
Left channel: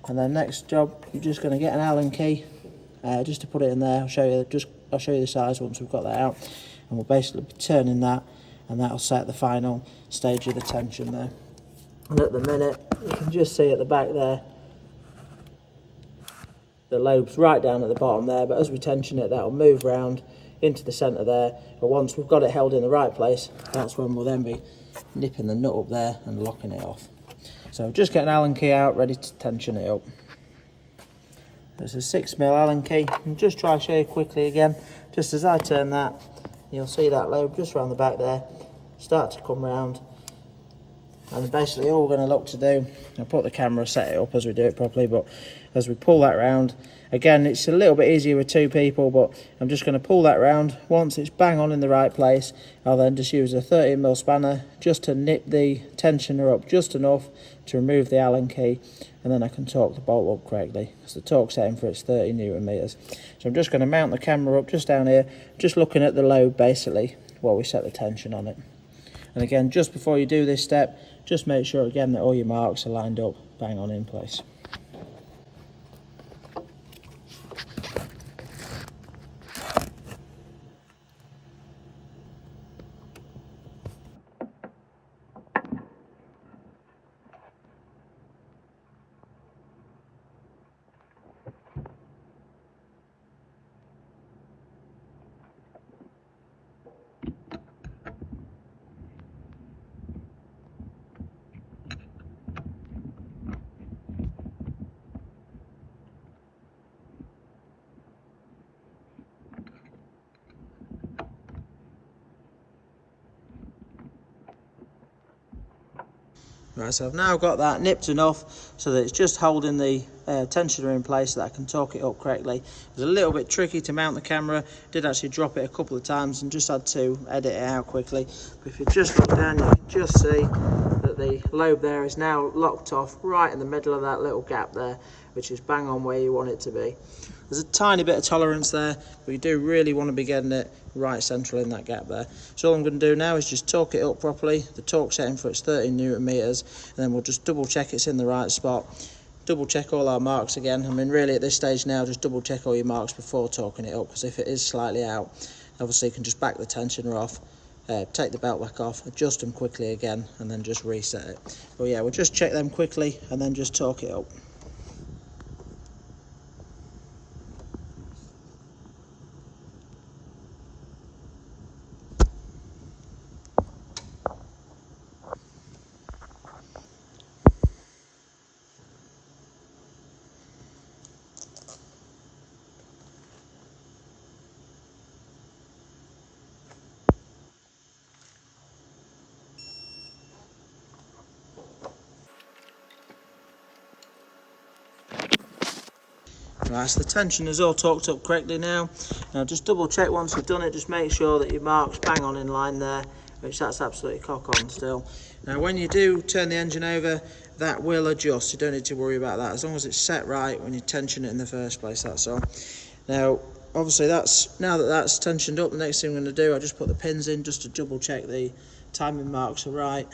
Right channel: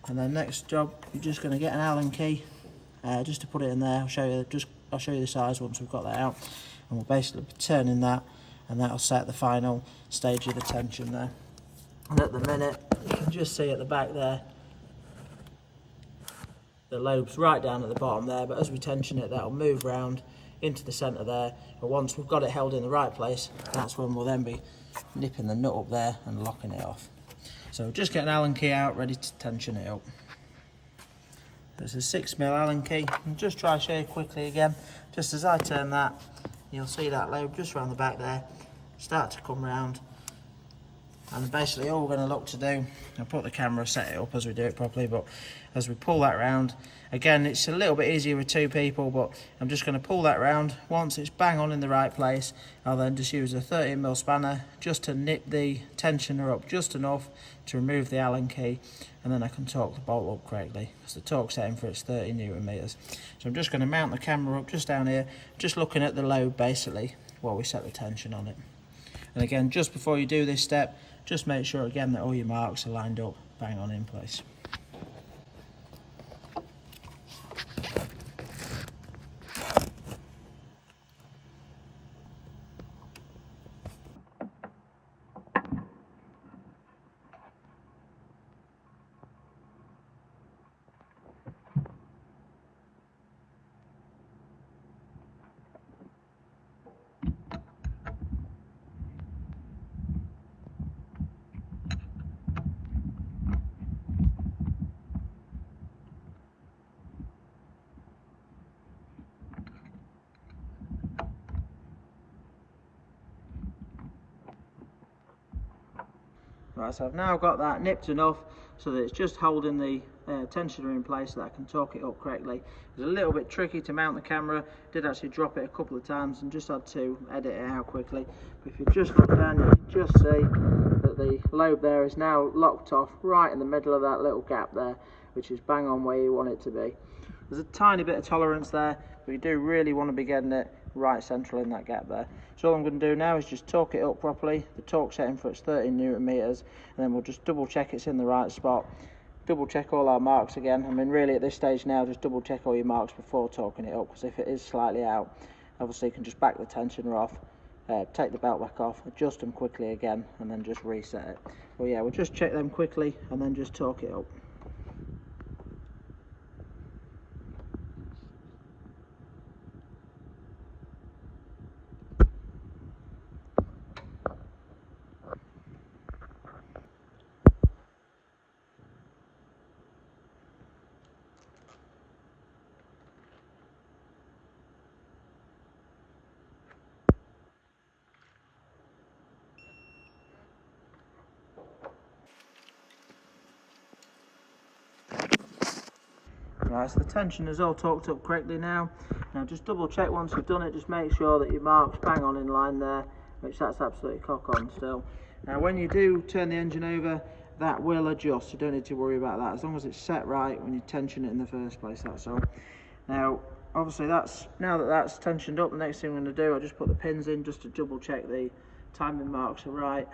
and then next job you're just going to get an Allen key just to put it in there. I'll show you the size once we've got that out, and we'll basically be turning that, and that'll set the final stage of the tension there. And at the minute you can just see at the back there, the lobe's right down at the bottom there, but as we tension it, that'll move round into the centre there. But once we've got it held in the right place, that's when we'll then be nipping the nut up there and locking it off. So just get an Allen key out, ready to tension it up. There's a 6mm Allen key, and just try to show you quickly again. Just as I turn that, you'll see that lobe just round the back there start to come round, And basically all we're going to look to do, I'll put the camera, set it up as we do it properly, but as we pull that round, again it's a little bit easier with two people, but I'm just going to pull that round. Once it's bang on in the right place, I'll then just use a 13mm spanner just to nip the tensioner up just enough to remove the Allen key, and then I can torque the bolt up correctly, because the torque setting for it's 30 Newton meters. So I'm just going to mount the camera up just down here, just looking at the load basically while we set the tension on it. And again, just before you do this step, just make sure again that all your marks are lined up bang on in place. Right, so I've now got that nipped enough so that it's just holding the tensioner in place so that I can torque it up correctly. It was a little bit tricky to mount the camera, did actually drop it a couple of times and just had to edit it out quickly. But if you just look down, you can just see that the lobe there is now locked off right in the middle of that little gap there, which is bang on where you want it to be. There's a tiny bit of tolerance there, but you do really want to be getting it right central in that gap there. So all I'm going to do now is just torque it up properly. The torque setting for it's 13 Newton meters, and then we'll just double check it's in the right spot. Double check all our marks again. I mean, really at this stage now, just double check all your marks before torquing it up, because if it is slightly out, obviously you can just back the tensioner off, take the belt back off, adjust them quickly again, and then just reset it. But yeah, we'll just check them quickly and then just torque it up. Right, so the tension is all torqued up correctly now. Now just double check once you've done it, just make sure that your mark's bang on in line there, which that's absolutely cock on still. Now when you do turn the engine over, that will adjust, you don't need to worry about that, as long as it's set right when you tension it in the first place, that's all. Now obviously now that that's tensioned up, the next thing I'm going to do, I just put the pins in just to double check the timing marks are right.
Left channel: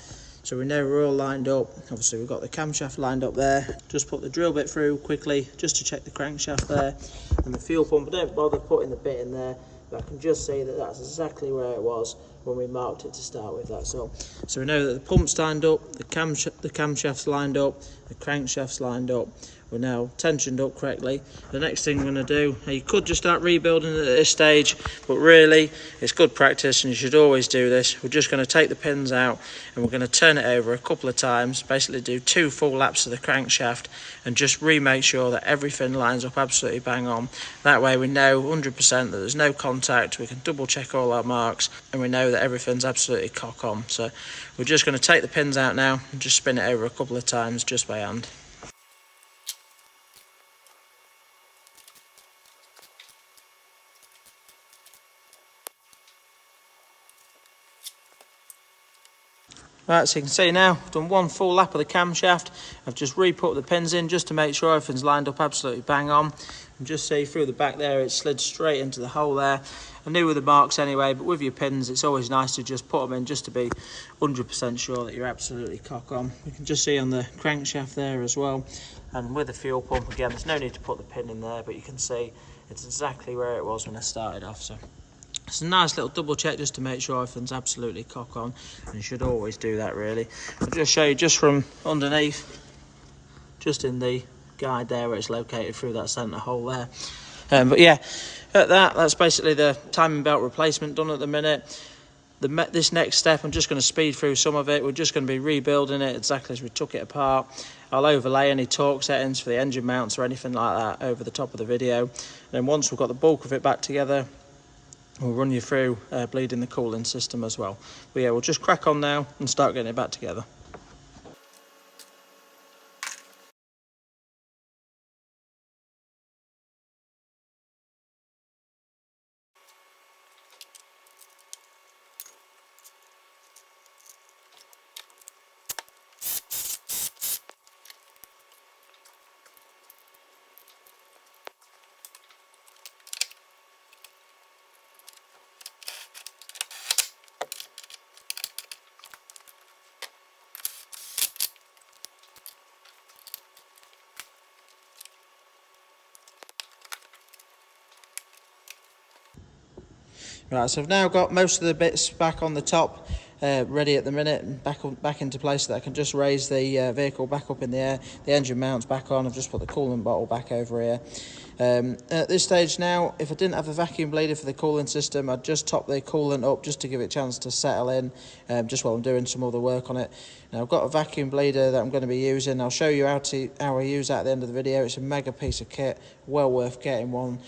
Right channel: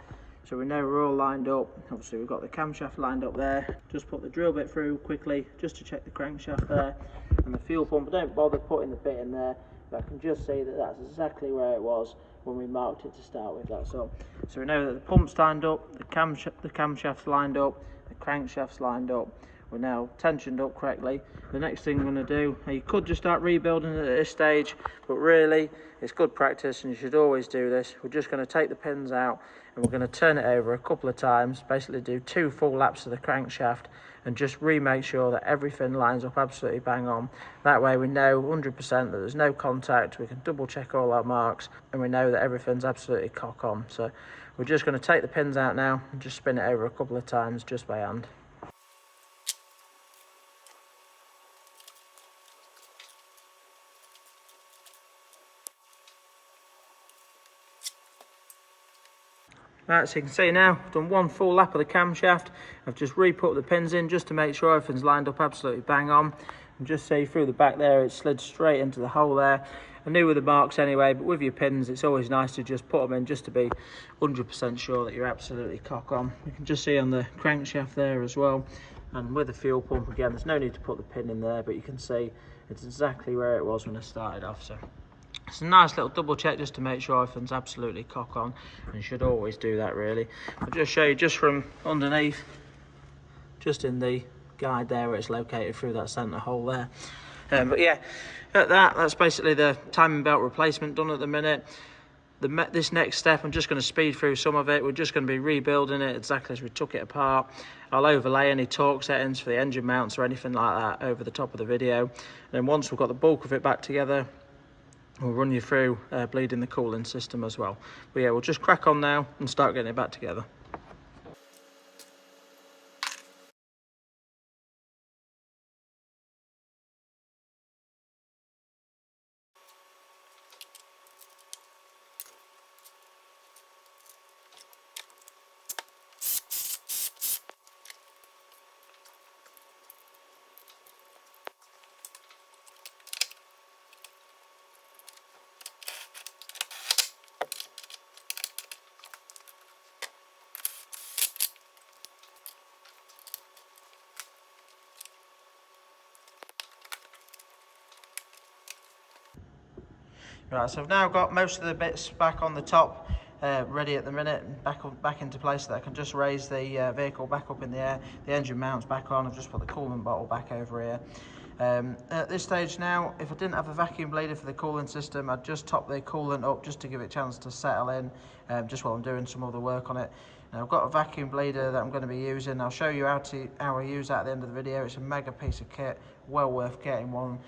So we know we're all lined up. Obviously we've got the camshaft lined up there. Just put the drill bit through quickly just to check the crankshaft there. And the fuel pump, don't bother putting the bit in there, but I can just see that that's exactly where it was when we marked it to start with, that's all. So we know that the pump's lined up, the camshaft's lined up, the crankshaft's lined up. We're now tensioned up correctly. The next thing we're going to do, you could just start rebuilding it at this stage, but really it's good practice and you should always do this. We're just going to take the pins out and we're going to turn it over a couple of times, basically do 2 full laps of the crankshaft and just remake sure that everything lines up absolutely bang on. That way we know 100% that there's no contact, we can double check all our marks and we know that everything's absolutely cock on. So we're just going to take the pins out now and just spin it over a couple of times just by hand. Right, so you can see now, I've done 1 full lap of the camshaft. I've just re-put the pins in just to make sure everything's lined up absolutely bang on. And just see through the back there, it slid straight into the hole there. I knew with the marks anyway, but with your pins, it's always nice to just put them in just to be 100% sure that you're absolutely cock on. You can just see on the crankshaft there as well. And with the fuel pump, again, there's no need to put the pin in there, but you can see it's exactly where it was when I started off. So it's a nice little double check just to make sure everything's absolutely cock on, and you should always do that really. I'll just show you just from underneath, just in the guide there where it's located through that centre hole there. But yeah, at that's basically the timing belt replacement done at the minute. This next step, I'm just going to speed through some of it. We're just going to be rebuilding it exactly as we took it apart. I'll overlay any torque settings for the engine mounts or anything like that over the top of the video. And then once we've got the bulk of it back together, we'll run you through bleeding the cooling system as well. But yeah, we'll just crack on now and start getting it back together. Right, so I've now got most of the bits back on the top, ready at the minute, and back into place, so that I can just raise the vehicle back up in the air. The engine mounts back on. I've just put the coolant bottle back over here. At this stage now, if I didn't have a vacuum bleeder for the cooling system, I'd just top the coolant up just to give it a chance to settle in, just while I'm doing some other work on it. Now I've got a vacuum bleeder that I'm going to be using. I'll show you how I use that at the end of the video. It's a mega piece of kit, well worth getting one.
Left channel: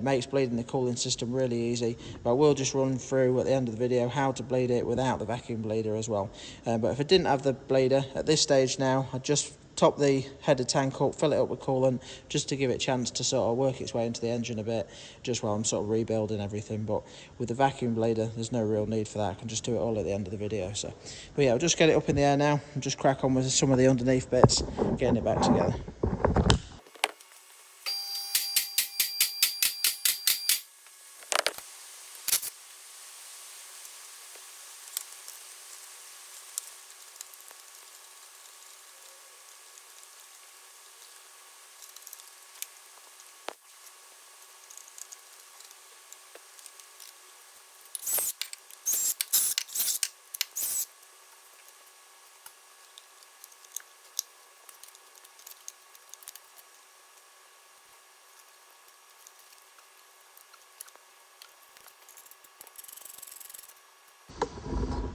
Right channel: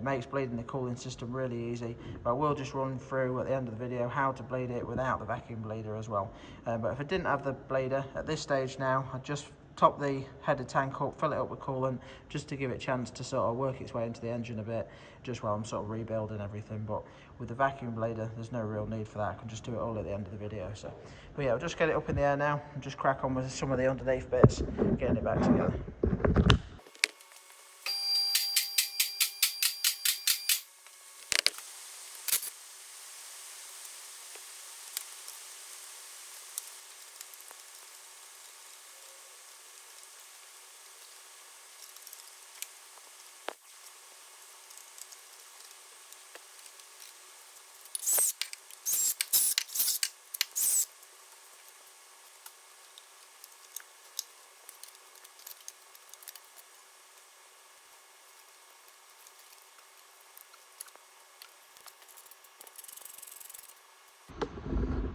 Makes bleeding the cooling system really easy. But I will just run through at the end of the video how to bleed it without the vacuum bleeder as well. But if I didn't have the bleeder at this stage now, I'd just top the header tank up, fill it up with coolant, just to give it a chance to sort of work its way into the engine a bit, just while I'm sort of rebuilding everything. But with the vacuum bleeder, there's no real need for that. I can just do it all at the end of the video. But yeah, I'll just get it up in the air now and just crack on with some of the underneath bits, getting it back together.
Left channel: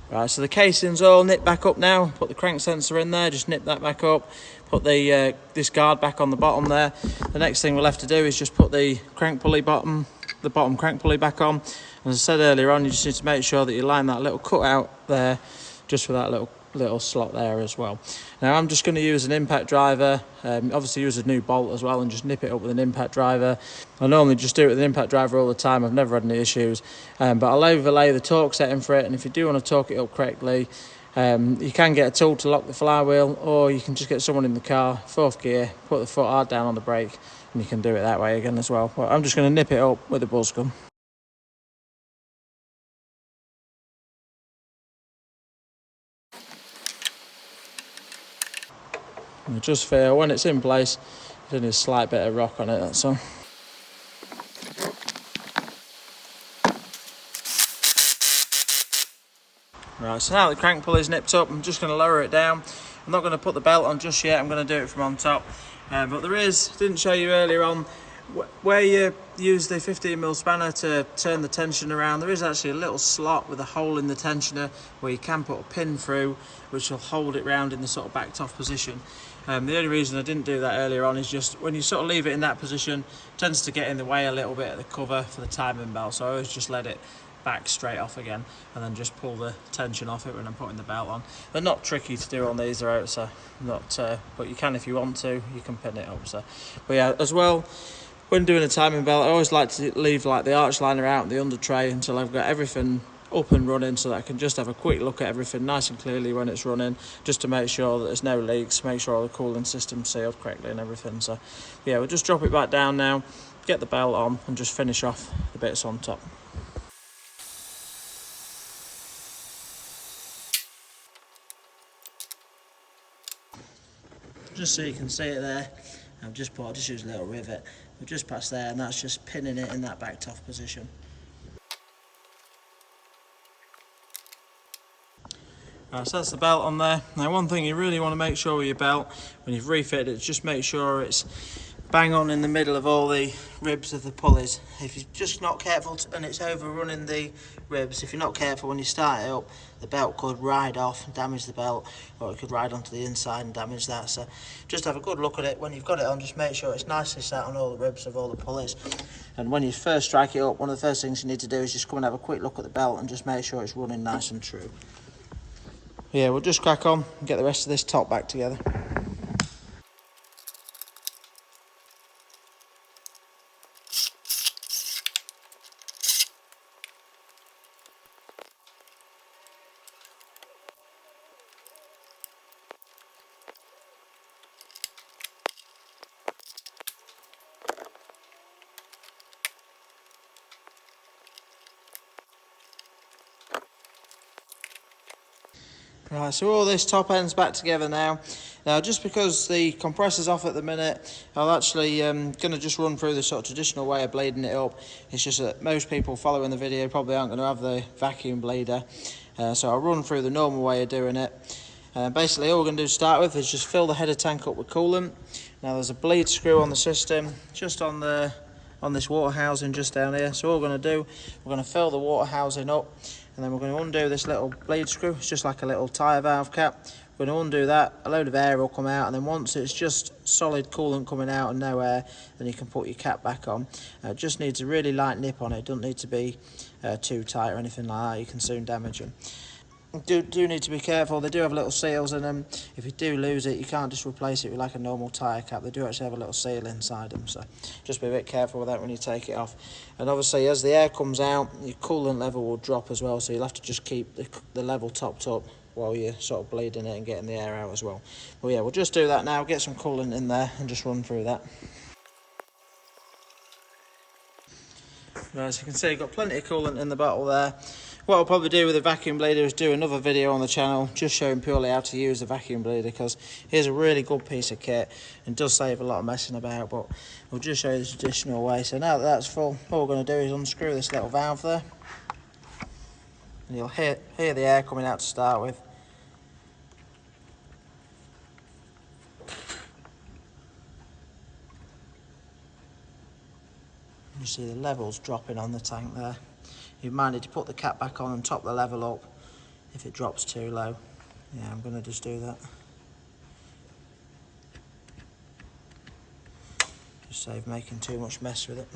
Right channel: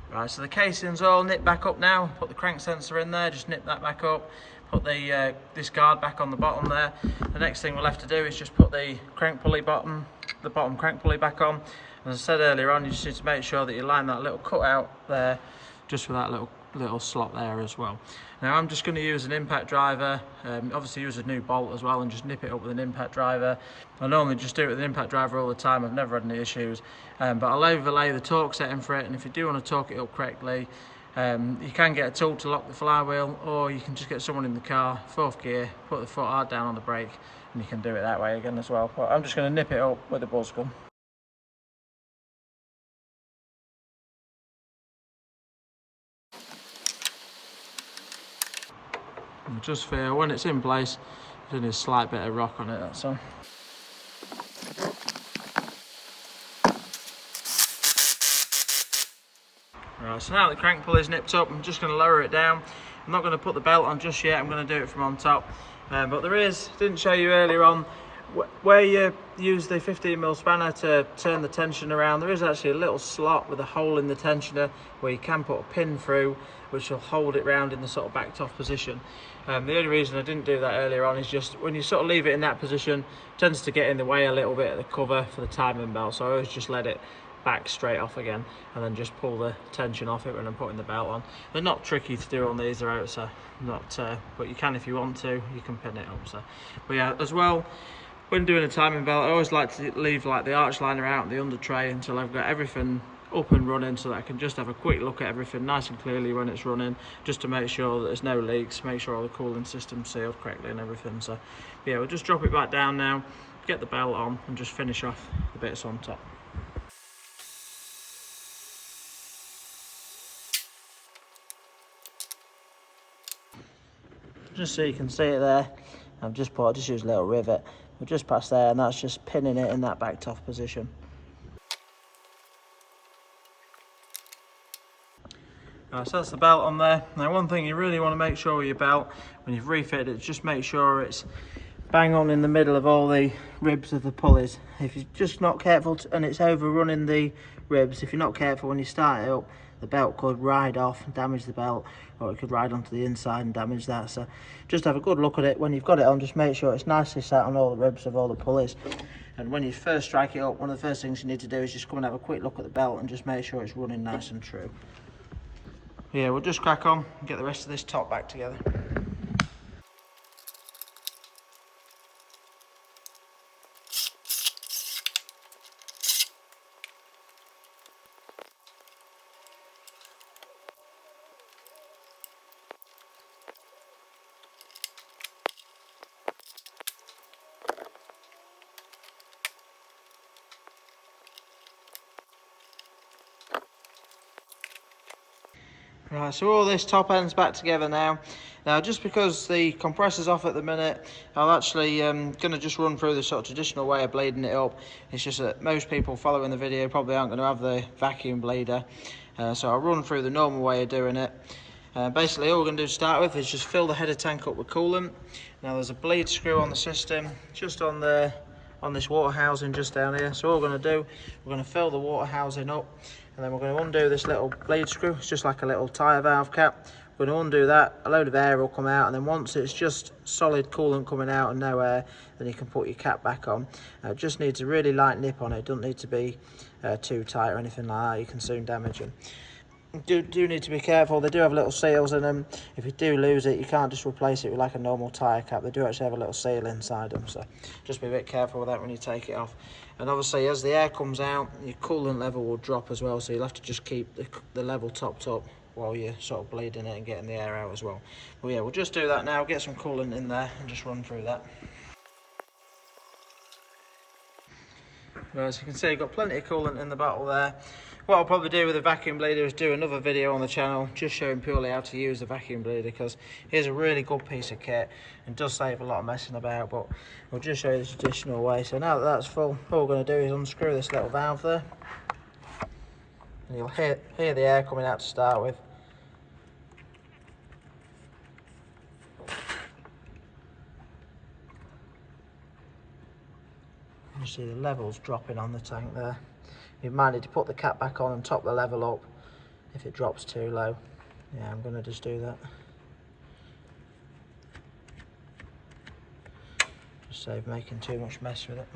Right, so the casing's all nipped back up now. Put the crank sensor in there, just nip that back up. Put the this guard back on the bottom there. The next thing we'll have to do is just put the crank pulley bottom crank pulley back on. As I said earlier on, you just need to make sure that you line that little cutout there, just for that little slot there as well. Now I'm just going to use an impact driver, obviously use a new bolt as well, and just nip it up with an impact driver. I normally just do it with an impact driver all the time. I've never had any issues, but I'll overlay the torque setting for it, and if you do want to torque it up correctly, you can get a tool to lock the flywheel, or you can just get someone in the car, 4th gear, put the foot hard down on the brake, and you can do it that way again as well. But I'm just going to nip it up with a buzz gun. And just feel when it's in place, there's a slight bit of rock on it, that's all. Right, so now the crank pulley's nipped up, I'm just going to lower it down. I'm not going to put the belt on just yet, I'm going to do it from on top. But there is, didn't show you earlier on, where you use the 15mm spanner to turn the tension around, there is actually a little slot with a hole in the tensioner where you can put a pin through, which will hold it round in the sort of backed off position. The only reason I didn't do that earlier on is just when you sort of leave it in that position, it tends to get in the way a little bit of the cover for the timing belt, so I always just let it back straight off again and then just pull the tension off it when I'm putting the belt on. They're not tricky to do on these, they're out, so not, but you can if you want to, you can pin it up. So, but yeah, as well, when doing a timing belt, I always like to leave like the arch liner out and the under tray until I've got everything up and running, so that I can just have a quick look at everything nice and clearly when it's running, just to make sure that there's no leaks, make sure all the cooling system's sealed correctly and everything. So yeah, we'll just drop it back down now, get the belt on, and just finish off the bits on top. Just so you can see it there, I just used a little rivet, but just past there, and that's just pinning it in that backed off position. Right, so that's the belt on there. Now one thing you really want to make sure with your belt when you've refitted it, just make sure it's bang on in the middle of all the ribs of the pulleys. If you're just not careful and it's overrunning the ribs, if you're not careful when you start it up, the belt could ride off and damage the belt, or it could ride onto the inside and damage that. So just have a good look at it when you've got it on, just make sure it's nicely sat on all the ribs of all the pulleys. And when you first strike it up, one of the first things you need to do is just come and have a quick look at the belt and just make sure it's running nice and true. Yeah, we'll just crack on and get the rest of this top back together. Right, so all this top end's back together now. Now, just because the compressor's off at the minute, I'll actually going to just run through the sort of traditional way of bleeding it up. It's just that most people following the video probably aren't going to have the vacuum bleeder, so I'll run through the normal way of doing it. Basically, all we're going to do to start with is just fill the header tank up with coolant. Now, there's a bleed screw on the system, just on this water housing just down here. So all we're going to do, we're going to fill the water housing up, and then we're going to undo this little bleed screw. It's just like a little tyre valve cap. We're going to undo that, a load of air will come out, and then once it's just solid coolant coming out and no air, then you can put your cap back on. It just needs a really light nip on it. It doesn't need to be too tight or anything like that. You can soon damage them. Do need to be careful. They do have little seals in them. If you do lose it, you can't just replace it with like a normal tyre cap. They do actually have a little seal inside them, so just be a bit careful with that when you take it off. And obviously, as the air comes out, your coolant level will drop as well, so you'll have to just keep the level topped up while you're sort of bleeding it and getting the air out as well. But yeah, we'll just do that now, get some coolant in there and just run through that. Well, as you can see, you've got plenty of coolant in the bottle there. What I'll probably do with the vacuum bleeder is do another video on the channel just showing purely how to use the vacuum bleeder, because it is a really good piece of kit and does save a lot of messing about, but we'll just show you the traditional way. So now that that's full, all we're going to do is unscrew this little valve there, and you'll hear the air coming out to start with. You see the levels dropping on the tank there. You might need to put the cap back on and top the level up if it drops too low. Yeah, I'm going to just do that. Just save making too much mess with it.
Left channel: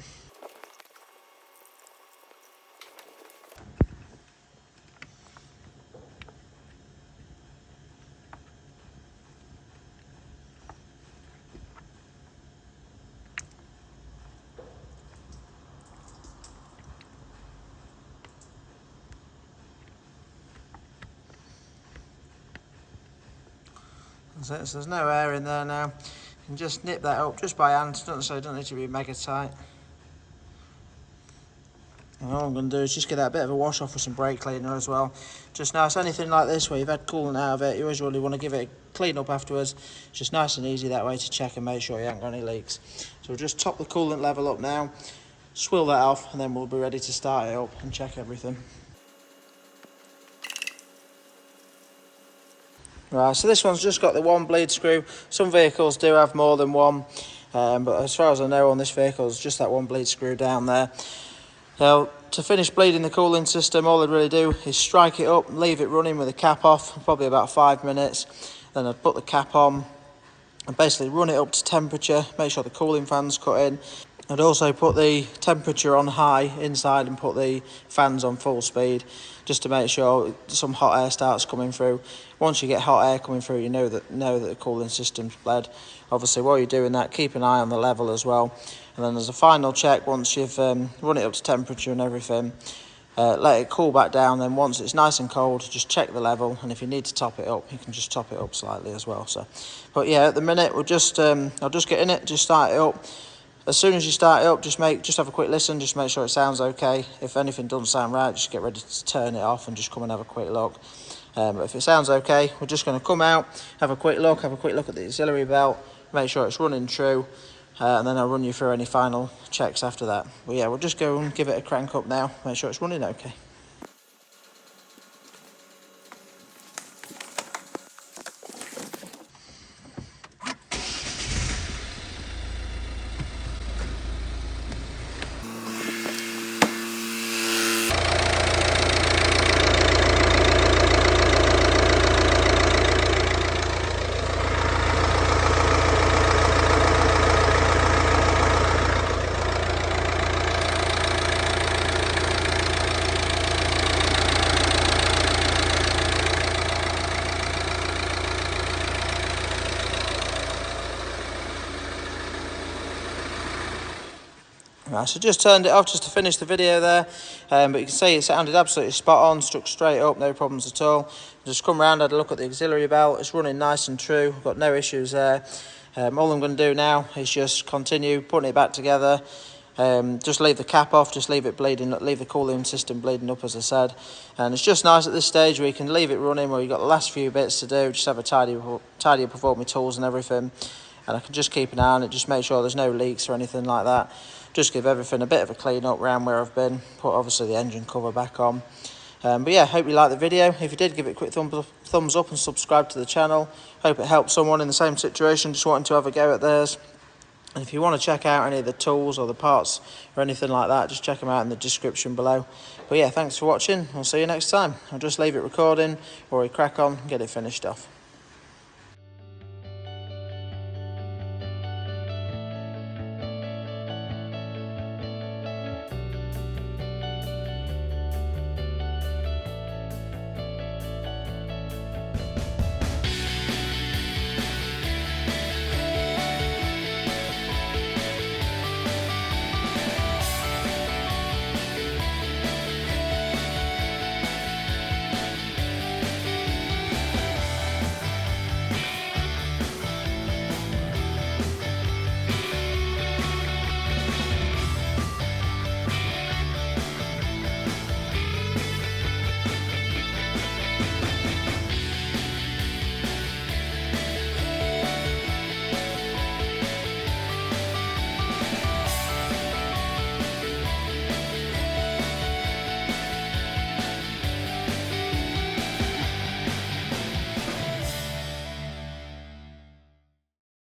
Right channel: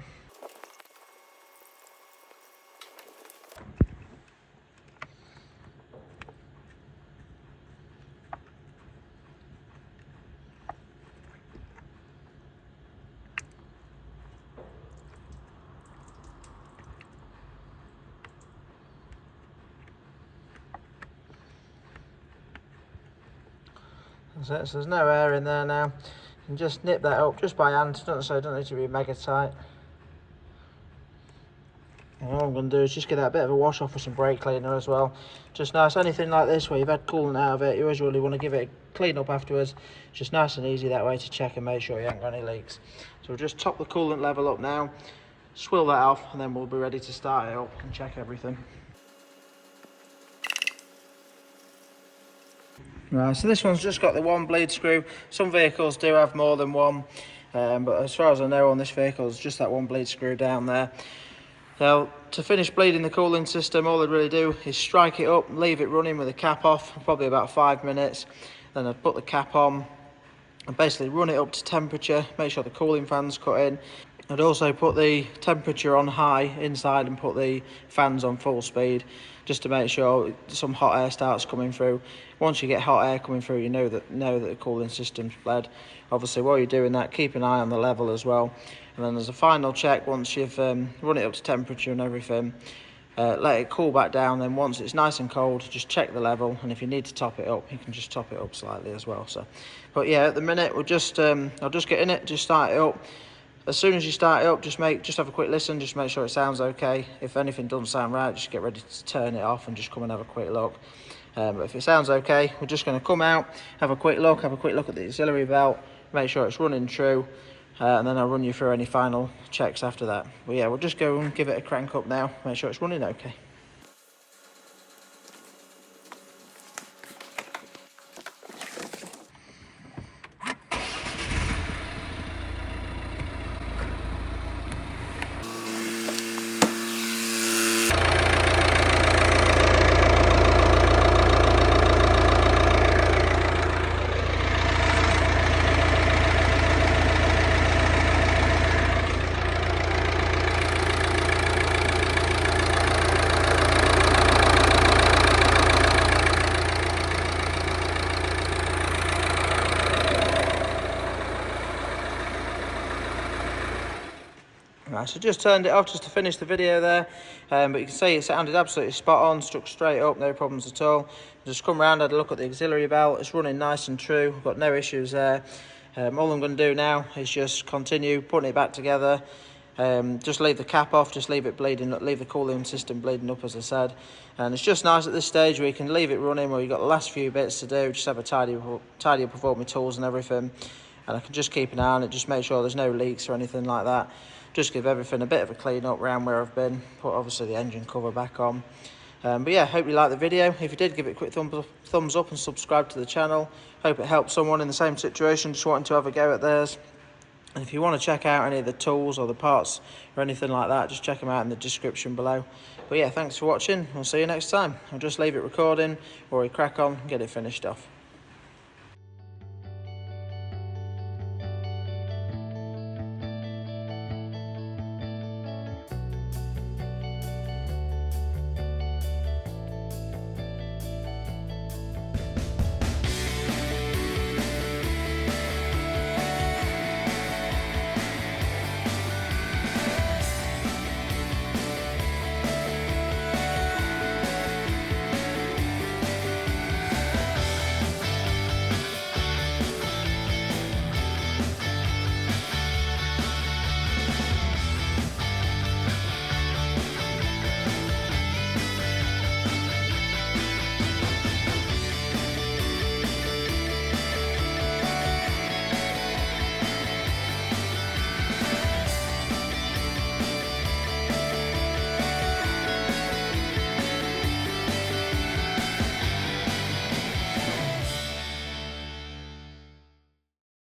So there's no air in there now. You can just nip that up just by hand, so it doesn't need to be mega tight. And all I'm going to do is just get that bit of a wash off with some brake cleaner as well. Just nice, anything like this where you've had coolant out of it, you always really want to give it a clean up afterwards. It's just nice and easy that way to check and make sure you haven't got any leaks. So we'll just top the coolant level up now, swill that off, and then we'll be ready to start it up and check everything. Right, so this one's just got the one bleed screw. Some vehicles do have more than one, but as far as I know on this vehicle, it's just that one bleed screw down there. Now, to finish bleeding the cooling system, all I'd really do is strike it up, leave it running with the cap off, probably about 5 minutes. Then I'd put the cap on and basically run it up to temperature, make sure the cooling fan's cut in. I'd also put the temperature on high inside and put the fans on full speed, just to make sure some hot air starts coming through. Once you get hot air coming through, you know that the cooling system's bled. Obviously, while you're doing that, keep an eye on the level as well. And then as a final check, once you've run it up to temperature and everything, let it cool back down. Then once it's nice and cold, just check the level. And if you need to top it up, you can just top it up slightly as well. So, but yeah, at the minute, we'll just I'll just get in it, just start it up. As soon as you start it up, just have a quick listen, just make sure it sounds okay. If anything doesn't sound right, just get ready to turn it off and just come and have a quick look. But if it sounds okay, we're just going to come out, have a quick look at the auxiliary belt, make sure it's running true, and then I'll run you through any final checks after that. But yeah, we'll just go and give it a crank up now, make sure it's running okay. Right, so just turned it off just to finish the video there, but you can see it sounded absolutely spot on, stuck straight up, no problems at all. Just come round, had a look at the auxiliary belt, it's running nice and true, got no issues there. All I'm going to do now is just continue putting it back together, Just leave the cap off, just leave it bleeding, leave the cooling system bleeding up, as I said. And it's just nice at this stage where you can leave it running, where you've got the last few bits to do, just have a tidy up of all my tools and everything. And I can just keep an eye on it, just make sure there's no leaks or anything like that. Just give everything a bit of a clean up around where I've been. Put obviously the engine cover back on. But yeah, hope you liked the video. If you did, give it a quick thumbs up and subscribe to the channel. Hope it helped someone in the same situation, just wanting to have a go at theirs. And if you want to check out any of the tools or the parts or anything like that, just check them out in the description below. But yeah, thanks for watching. I'll see you next time. I'll just leave it recording or we crack on and get it finished off.